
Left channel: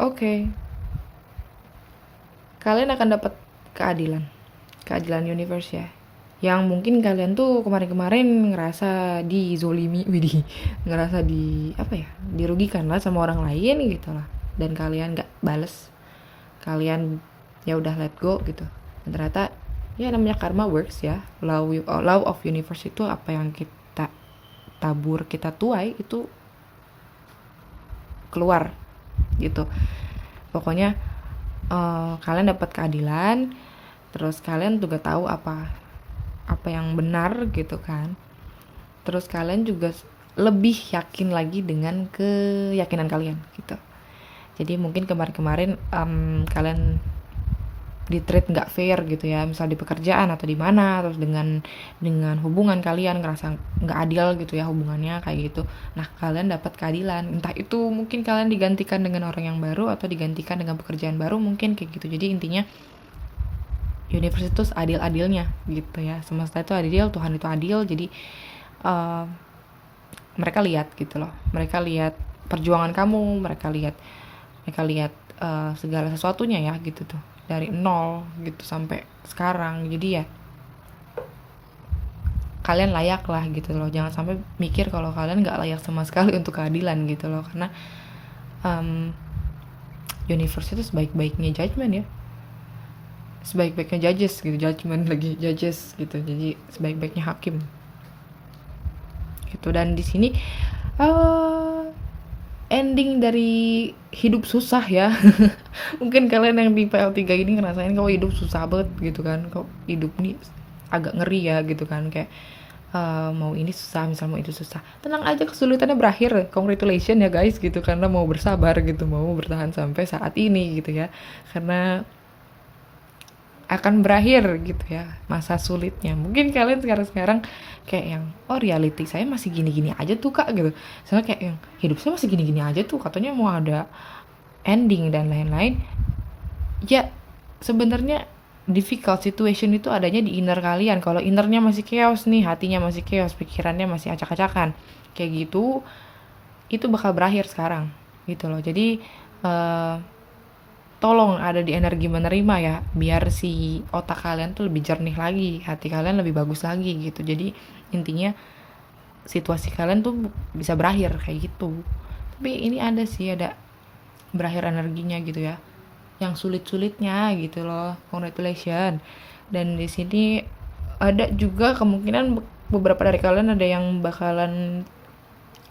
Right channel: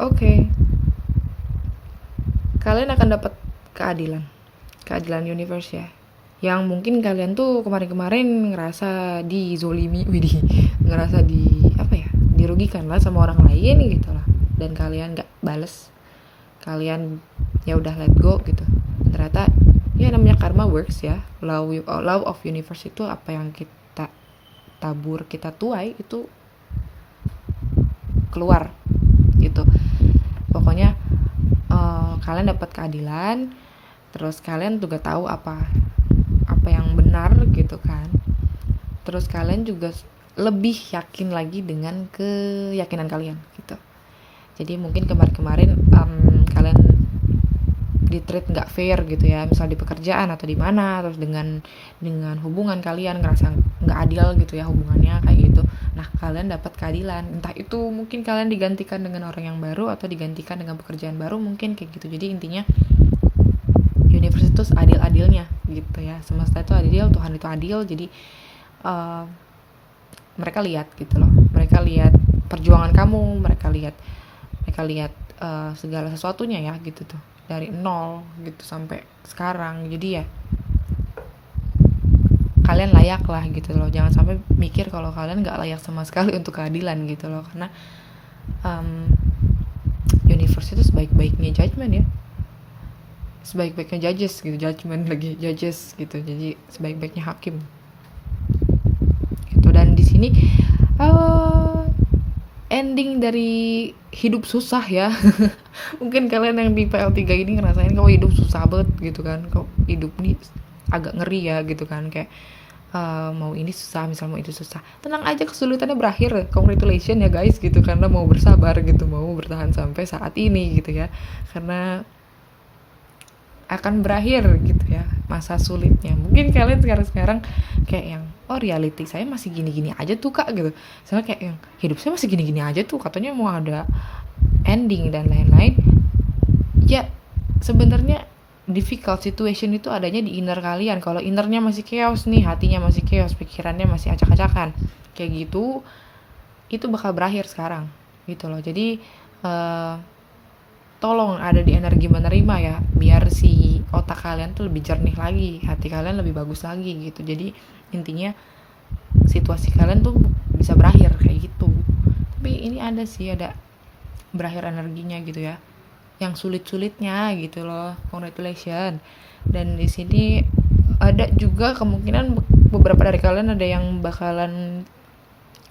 Oke. Kalian akan dapat keadilan universe ya. Yang mungkin kalian tuh kemarin-kemarin ngerasa dizolimi, ngerasa dirugikan lah sama orang lain gitu lah. Dan kalian gak bales, kalian ya udah let go gitu. Dan ternyata ya namanya karma works ya. Law of universe itu apa yang kita tabur, kita tuai itu keluar gitu. Pokoknya kalian dapat keadilan, terus kalian juga tahu apa yang benar gitu kan. Terus kalian juga lebih yakin lagi dengan keyakinan kalian gitu. Jadi mungkin kemarin kalian di-treat nggak fair gitu ya, misal di pekerjaan atau di mana, terus dengan hubungan kalian ngerasa nggak adil gitu ya hubungannya kayak gitu. Nah kalian dapat keadilan, entah itu mungkin kalian digantikan dengan orang yang baru atau digantikan dengan pekerjaan baru, mungkin kayak gitu. Jadi intinya universe itu adil-adilnya gitu ya, semesta itu adil, Tuhan itu adil. Jadi mereka lihat gitu loh, mereka lihat perjuangan kamu, mereka lihat segala sesuatunya ya gitu tuh, dari nol gitu sampai sekarang. Jadi ya kalian layak lah gitu loh. Jangan sampai mikir kalau kalian gak layak sama sekali untuk keadilan gitu loh, karena universe itu sebaik-baiknya judgment ya, sebaik-baiknya judges gitu, judgment lagi judges gitu, jadi sebaik-baiknya hakim gitu. Dan di sini ending dari hidup susah ya. Mungkin kalian yang di PL3 ini ngerasain kok hidup susah banget gitu kan, kok hidup nih agak ngeri ya gitu kan, kayak mau ini susah, misal mau itu susah. Tenang aja, kesulitannya berakhir, congratulations ya guys gitu, karena mau bersabar gitu, mau bertahan sampai saat ini gitu ya, karena akan berakhir gitu ya masa sulitnya. Mungkin kalian sekarang kayak yang reality saya masih gini-gini aja tuh kak gitu, soalnya kayak yang hidup saya masih gini-gini aja tuh, katanya mau ada ending dan lain-lain ya. Sebenarnya difficult situation itu adanya di inner kalian. Kalau innernya masih chaos nih, hatinya masih chaos, pikirannya masih acak-acakan kayak gitu, itu bakal berakhir sekarang gitu loh. Jadi tolong ada di energi menerima ya, biar si otak kalian tuh lebih jernih lagi, hati kalian lebih bagus lagi gitu. Jadi intinya situasi kalian tuh bisa berakhir kayak gitu. Tapi ini ada berakhir energinya gitu ya, yang sulit-sulitnya gitu loh. Congratulations. Dan di sini ada juga kemungkinan beberapa dari kalian ada yang bakalan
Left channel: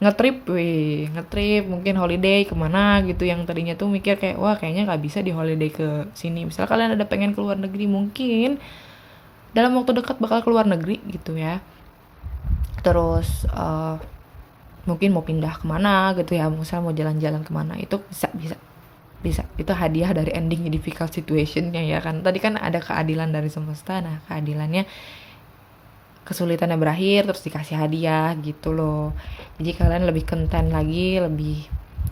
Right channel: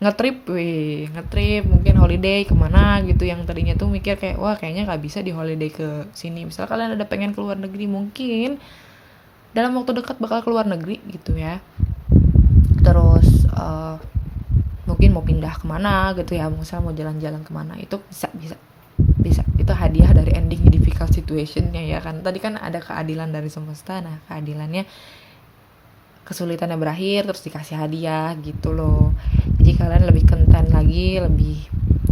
ngetrip mungkin holiday kemana gitu, yang tadinya tuh mikir kayak wah kayaknya nggak bisa di holiday ke sini. Misal kalian ada pengen keluar negeri, mungkin dalam waktu dekat bakal keluar negeri gitu ya. Terus mungkin mau pindah kemana gitu ya, misal mau jalan-jalan kemana, itu bisa itu hadiah dari ending difficult situationnya ya kan. Tadi kan ada keadilan dari semesta, nah keadilannya kesulitannya berakhir terus dikasih hadiah gitu loh. Jadi kalian lebih content lagi, lebih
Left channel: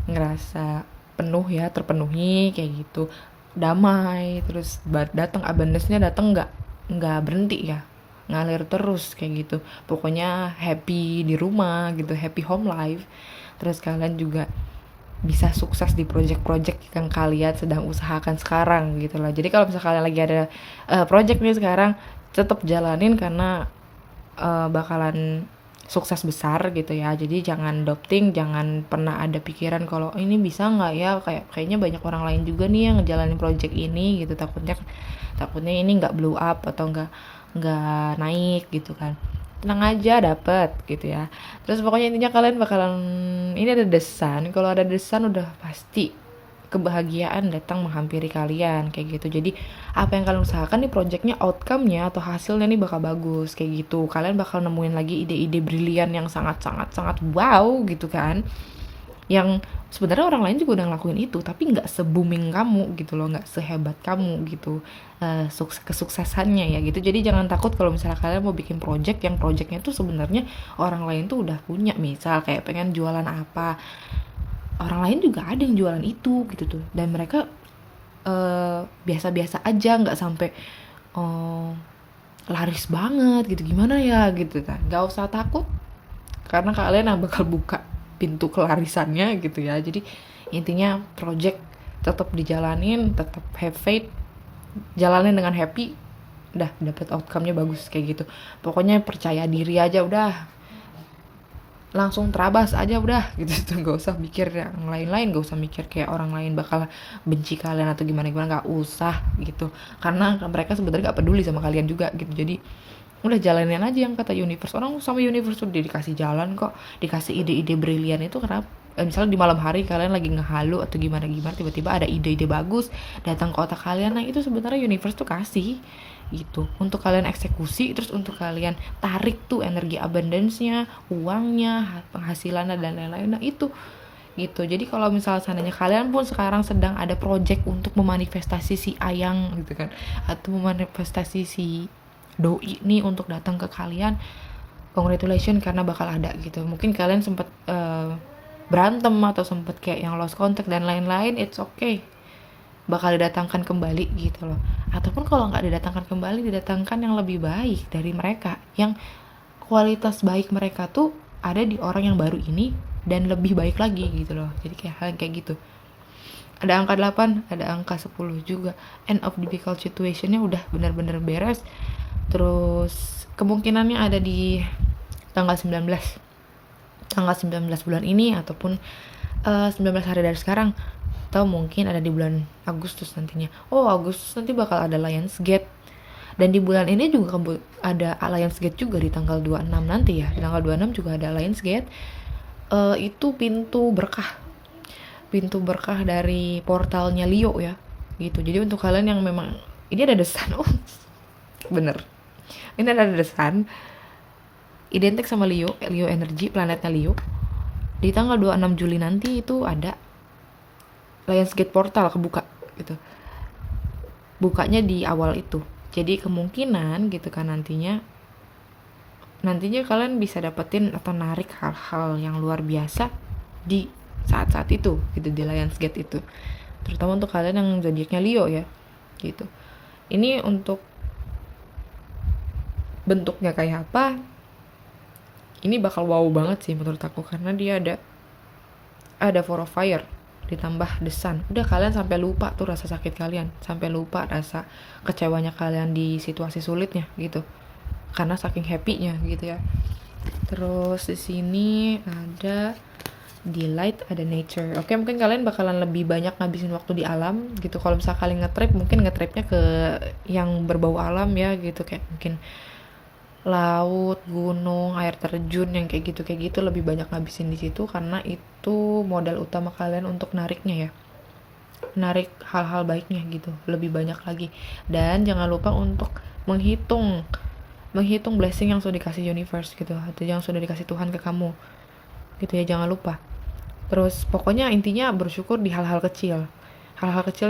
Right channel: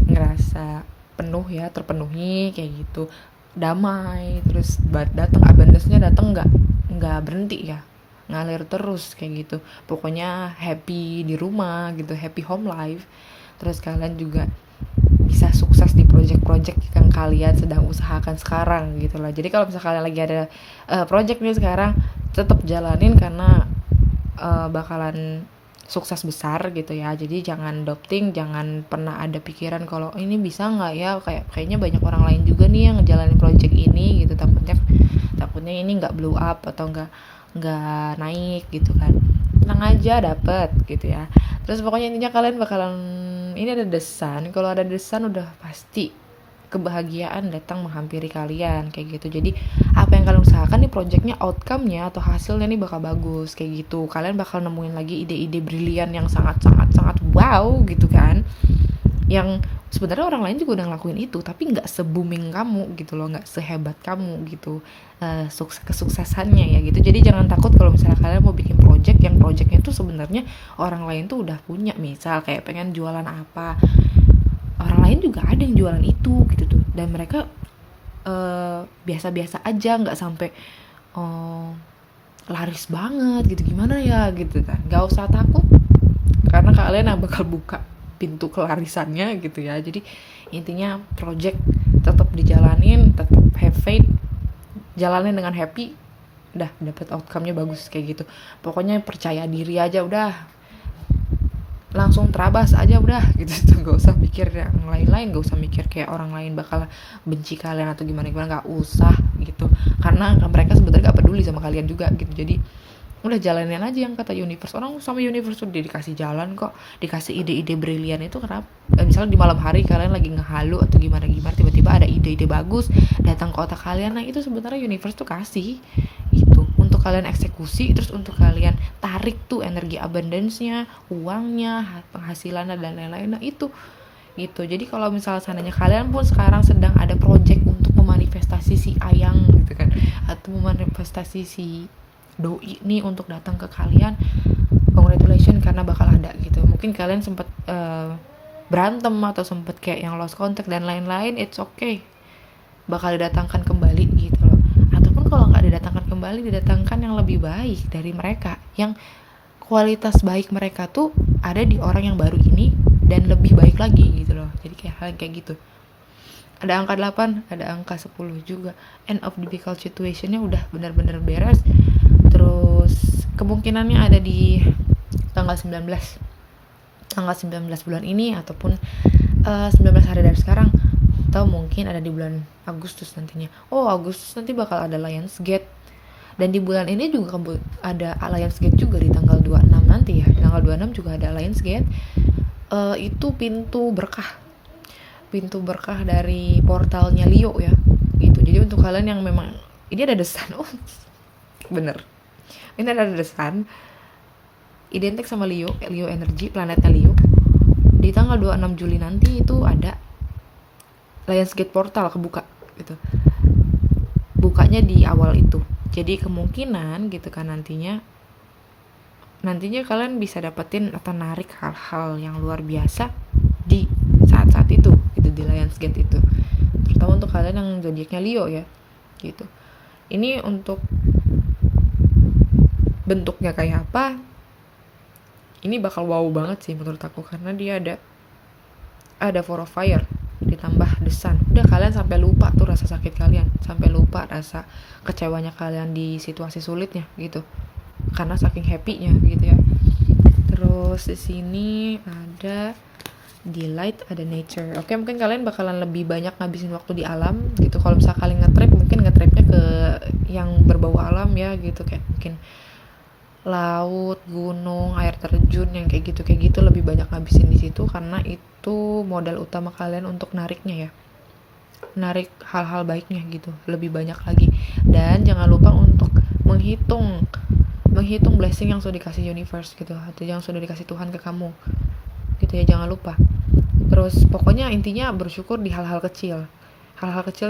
ngerasa penuh ya, terpenuhi kayak gitu, damai. Terus datang abundance-nya datang nggak berhenti ya, ngalir terus kayak gitu. Pokoknya happy di rumah gitu, happy home life. Terus kalian juga bisa sukses di project-project yang kalian sedang usahakan sekarang gitu loh. Jadi kalau misalnya kalian lagi ada project nih sekarang, tetap jalanin karena bakalan sukses besar gitu ya. Jadi jangan doubting, jangan pernah ada pikiran kalau ini bisa nggak ya, kayaknya banyak orang lain juga nih yang ngejalanin project ini gitu, takutnya ini nggak blow up atau nggak naik gitu kan. Tenang aja, dapet gitu ya. Terus pokoknya intinya kalian bakalan, ini ada desan, kalau ada desan udah pasti kebahagiaan datang menghampiri kalian kayak gitu. Jadi apa yang kalian usahakan nih, projectnya, outcome-nya atau hasilnya nih bakal bagus kayak gitu. Kalian bakal nemuin lagi ide-ide brilian yang sangat wow gitu kan, yang sebenarnya orang lain juga udah ngelakuin itu tapi nggak se-booming kamu gitu loh, nggak sehebat kamu gitu kesuksesannya ya gitu. Jadi jangan takut kalau misalnya kalian mau bikin project yang projectnya tuh sebenarnya orang lain tuh udah punya. Misal kayak pengen jualan apa, orang lain juga ada yang jualan itu gitu tuh, dan mereka biasa-biasa aja, nggak sampai laris banget gitu, gimana ya gitu kan. Nggak usah takut karena kalian yang bakal buka pintu kelarisannya gitu ya. Jadi intinya project tetap dijalanin, tetap have faith, jalanin dengan happy, udah dapet outcome-nya bagus kayak gitu. Pokoknya percaya diri aja, udah langsung terabas aja udah gitu tuh, nggak usah mikir yang lain-lain, nggak usah mikir kayak orang lain bakal benci kalian atau gimana, nggak usah gitu, karena mereka sebenarnya nggak peduli sama kalian juga gitu. Jadi udah jalanin aja yang kata universe. Orang sama universe tuh dikasih jalan kok, dikasih ide-ide brilian itu. Kenapa misalnya di malam hari kalian lagi ngehalu atau gimana tiba-tiba ada ide-ide bagus datang ke otak kalian, nah itu sebenarnya universe tuh kasih gitu untuk kalian eksekusi, terus untuk kalian tarik tuh energi abundance-nya, uangnya, penghasilannya dan lain-lain. Nah itu gitu. Jadi kalau misalnya seandainya kalian pun sekarang sedang ada project untuk memanifestasi si ayang gitu kan, atau memanifestasi si doi nih untuk datang ke kalian, congratulations karena bakal ada gitu. Mungkin kalian sempat berantem atau sempat kayak yang lost contact dan lain-lain, it's okay, bakal didatangkan kembali gitu loh. Ataupun kalau nggak didatangkan kembali, didatangkan yang lebih baik dari mereka, yang kualitas baik mereka tuh ada di orang yang baru ini dan lebih baik lagi gitu loh. Jadi kayak hal kayak gitu. Ada angka 8, ada angka 10 juga. End of difficult situationnya udah benar-benar beres. Terus kemungkinannya ada di tanggal 19 bulan ini, ataupun 19 hari dari sekarang, atau mungkin ada di bulan Agustus nantinya. Agustus nanti bakal ada Lionsgate, dan di bulan ini juga ada Lionsgate juga di tanggal 26 nanti ya. Di tanggal 26 juga ada Lionsgate. Itu pintu berkah dari portalnya Leo ya gitu. Jadi untuk kalian yang memang ini ada desan, bener, ini ada desan identik sama Leo energi, planetnya Leo. Di tanggal 26 Juli nanti itu ada Lionsgate portal kebuka gitu, bukanya di awal itu. Jadi kemungkinan gitu kan nantinya kalian bisa dapetin atau narik hal-hal yang luar biasa di saat-saat itu gitu, di Lionsgate itu, terutama untuk kalian yang zodiaknya Leo ya gitu. Ini untuk bentuknya kayak apa, ini bakal wow banget sih menurut aku, karena dia ada Four of Fire ditambah desan. Udah kalian sampai lupa tuh rasa sakit kalian, sampai lupa rasa kecewanya kalian di situasi sulitnya gitu, karena saking happy-nya gitu ya. Terus di sini ada delight, ada nature. Oke, mungkin kalian bakalan lebih banyak ngabisin waktu di alam gitu. Kalau misalnya kalian nge-trip, mungkin nge-tripnya ke yang berbau alam ya gitu, kayak mungkin laut, gunung, air terjun yang kayak gitu lebih banyak ngabisin di situ, karena itu modal utama kalian untuk nariknya ya. Narik hal-hal baiknya gitu, lebih banyak lagi. Dan jangan lupa untuk menghitung blessing yang sudah dikasih universe gitu, atau yang sudah dikasih Tuhan ke kamu gitu ya, jangan lupa. Terus pokoknya intinya bersyukur di hal-hal kecil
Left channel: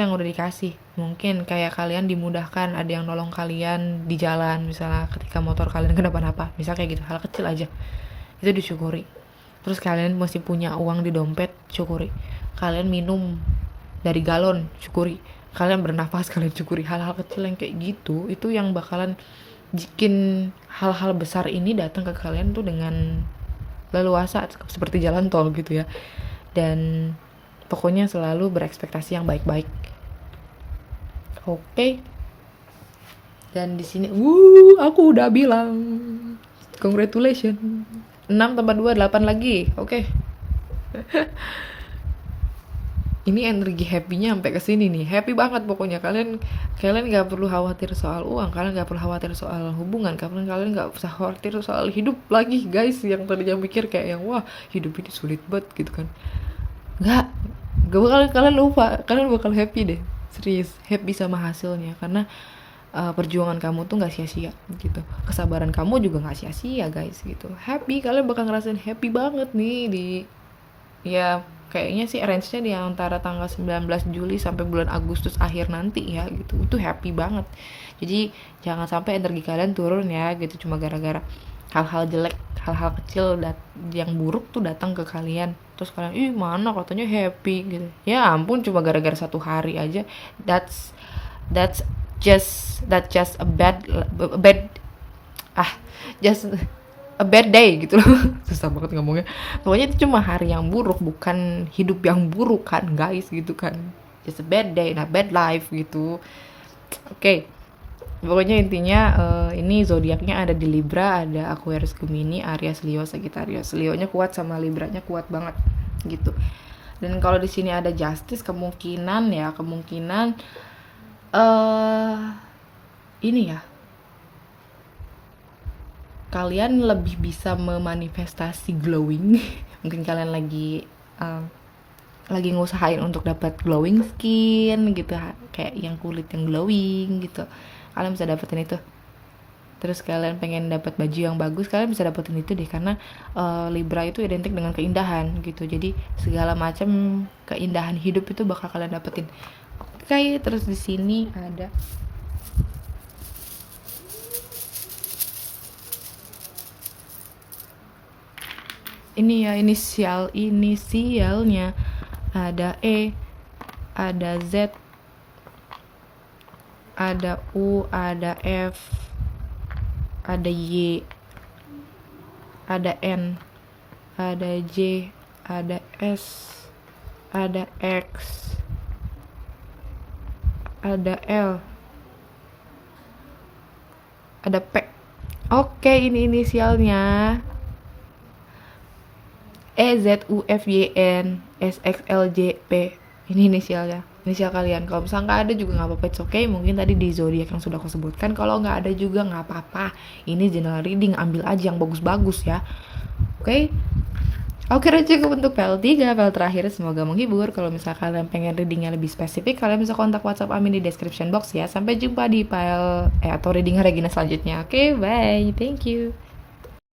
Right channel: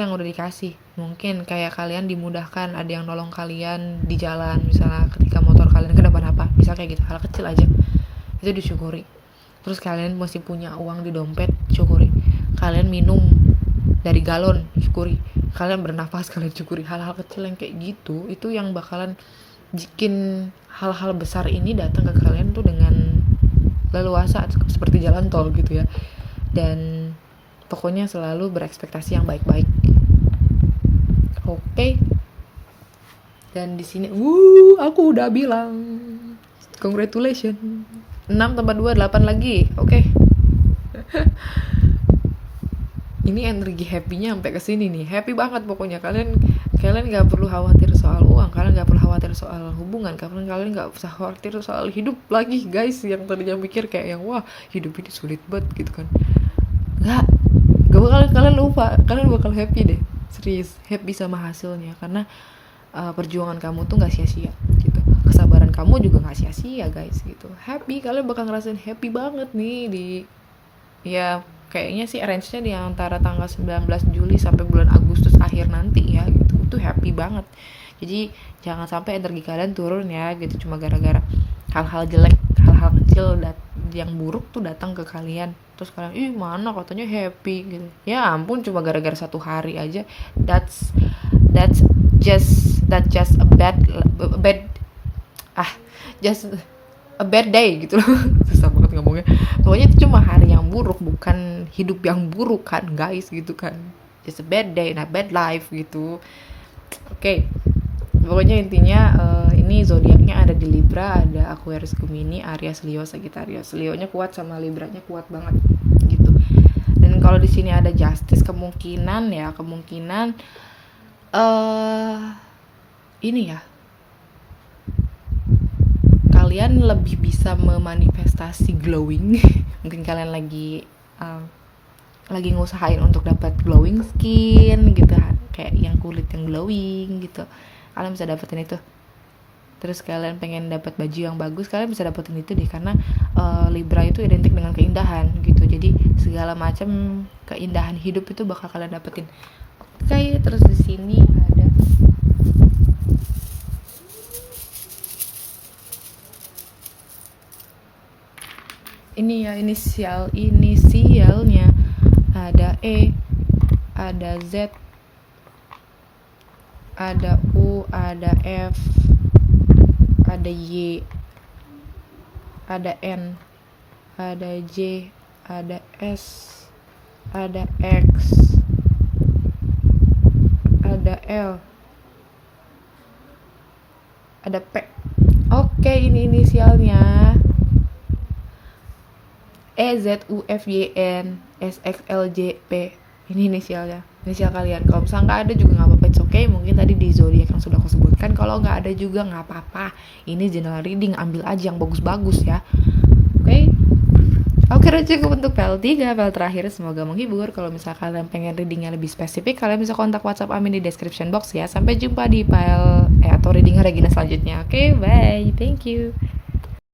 yang udah dikasih. Mungkin kayak kalian dimudahkan, ada yang nolong kalian di jalan, misalnya ketika motor kalian kenapa-napa, bisa kayak gitu, hal kecil aja itu disyukuri. Terus kalian masih punya uang di dompet, syukuri. Kalian minum dari galon, syukuri. Kalian bernafas, kalian syukuri. Hal-hal kecil yang kayak gitu, itu yang bakalan bikin hal-hal besar ini datang ke kalian tuh dengan leluasa, seperti jalan tol gitu ya. Dan pokoknya selalu berekspektasi yang baik-baik. Oke. Dan di sini aku udah bilang congratulations. 6 tambah 2 8 lagi. Oke. Ini energi happy-nya sampai ke sini nih. Happy banget pokoknya. Kalian gak perlu khawatir soal uang, kalian gak perlu khawatir soal hubungan, kalian gak usah khawatir soal hidup lagi, guys. Yang tadinya mikir kayak yang wah, hidup ini sulit banget gitu kan. Gak bakal, kalian lupa, kalian bakal happy deh. Serius, happy sama hasilnya karena perjuangan kamu tuh gak sia-sia gitu. Kesabaran kamu juga gak sia-sia, guys gitu. Happy, kalian bakal ngerasain happy banget nih di ya kayaknya sih range-nya di antara tanggal 19 Juli sampai bulan Agustus akhir nanti ya gitu. Itu happy banget. Jadi jangan sampai energi kalian turun ya gitu cuma gara-gara hal-hal jelek, hal-hal kecil yang buruk tuh datang ke kalian. Terus kalian, mana katanya happy gitu. Ya ampun, cuma gara-gara 1 hari aja. That's just a bad day gitu loh. Susah banget ngomongnya. Pokoknya itu cuma hari yang buruk, bukan hidup yang buruk kan guys gitu kan. Just a bad day, not bad life gitu. Oke. Pokoknya intinya ini zodiaknya ada di Libra, ada Aquarius, Gemini, Aries, Leo, Sagittarius. Leonya kuat sama Libranya kuat banget gitu. Dan kalau di sini ada Justice, kemungkinan ini ya, kalian lebih bisa memanifestasi glowing. Mungkin kalian lagi ngusahain untuk dapat glowing skin gitu, kayak yang kulit yang glowing gitu. Kalian bisa dapetin itu. Terus kalian pengen dapat baju yang bagus, kalian bisa dapetin itu deh, karena Libra itu identik dengan keindahan gitu. Jadi segala macam keindahan hidup itu bakal kalian dapetin. Oke, terus di sini ada ini ya, inisialnya ada E, ada Z, ada U, ada F, ada Y, ada N, ada J, ada S, ada X, ada L, ada P. Oke, ini inisialnya. E, Z, U, F, Y, N, S, X, L, J, P. Ini inisialnya, inisial kalian. Kalau misalnya nggak ada juga nggak apa-apa, it's okay. Mungkin tadi di zodiak yang sudah aku sebutkan. Kalau nggak ada juga nggak apa-apa. Ini general reading, ambil aja yang bagus-bagus ya. Oke. Oke, cukup untuk PL3, PL terakhir. Semoga menghibur. Kalau misalnya kalian pengen readingnya lebih spesifik, kalian bisa kontak WhatsApp Amin di description box ya. Sampai jumpa di PL atau reading Regina selanjutnya. Oke, bye. Thank you.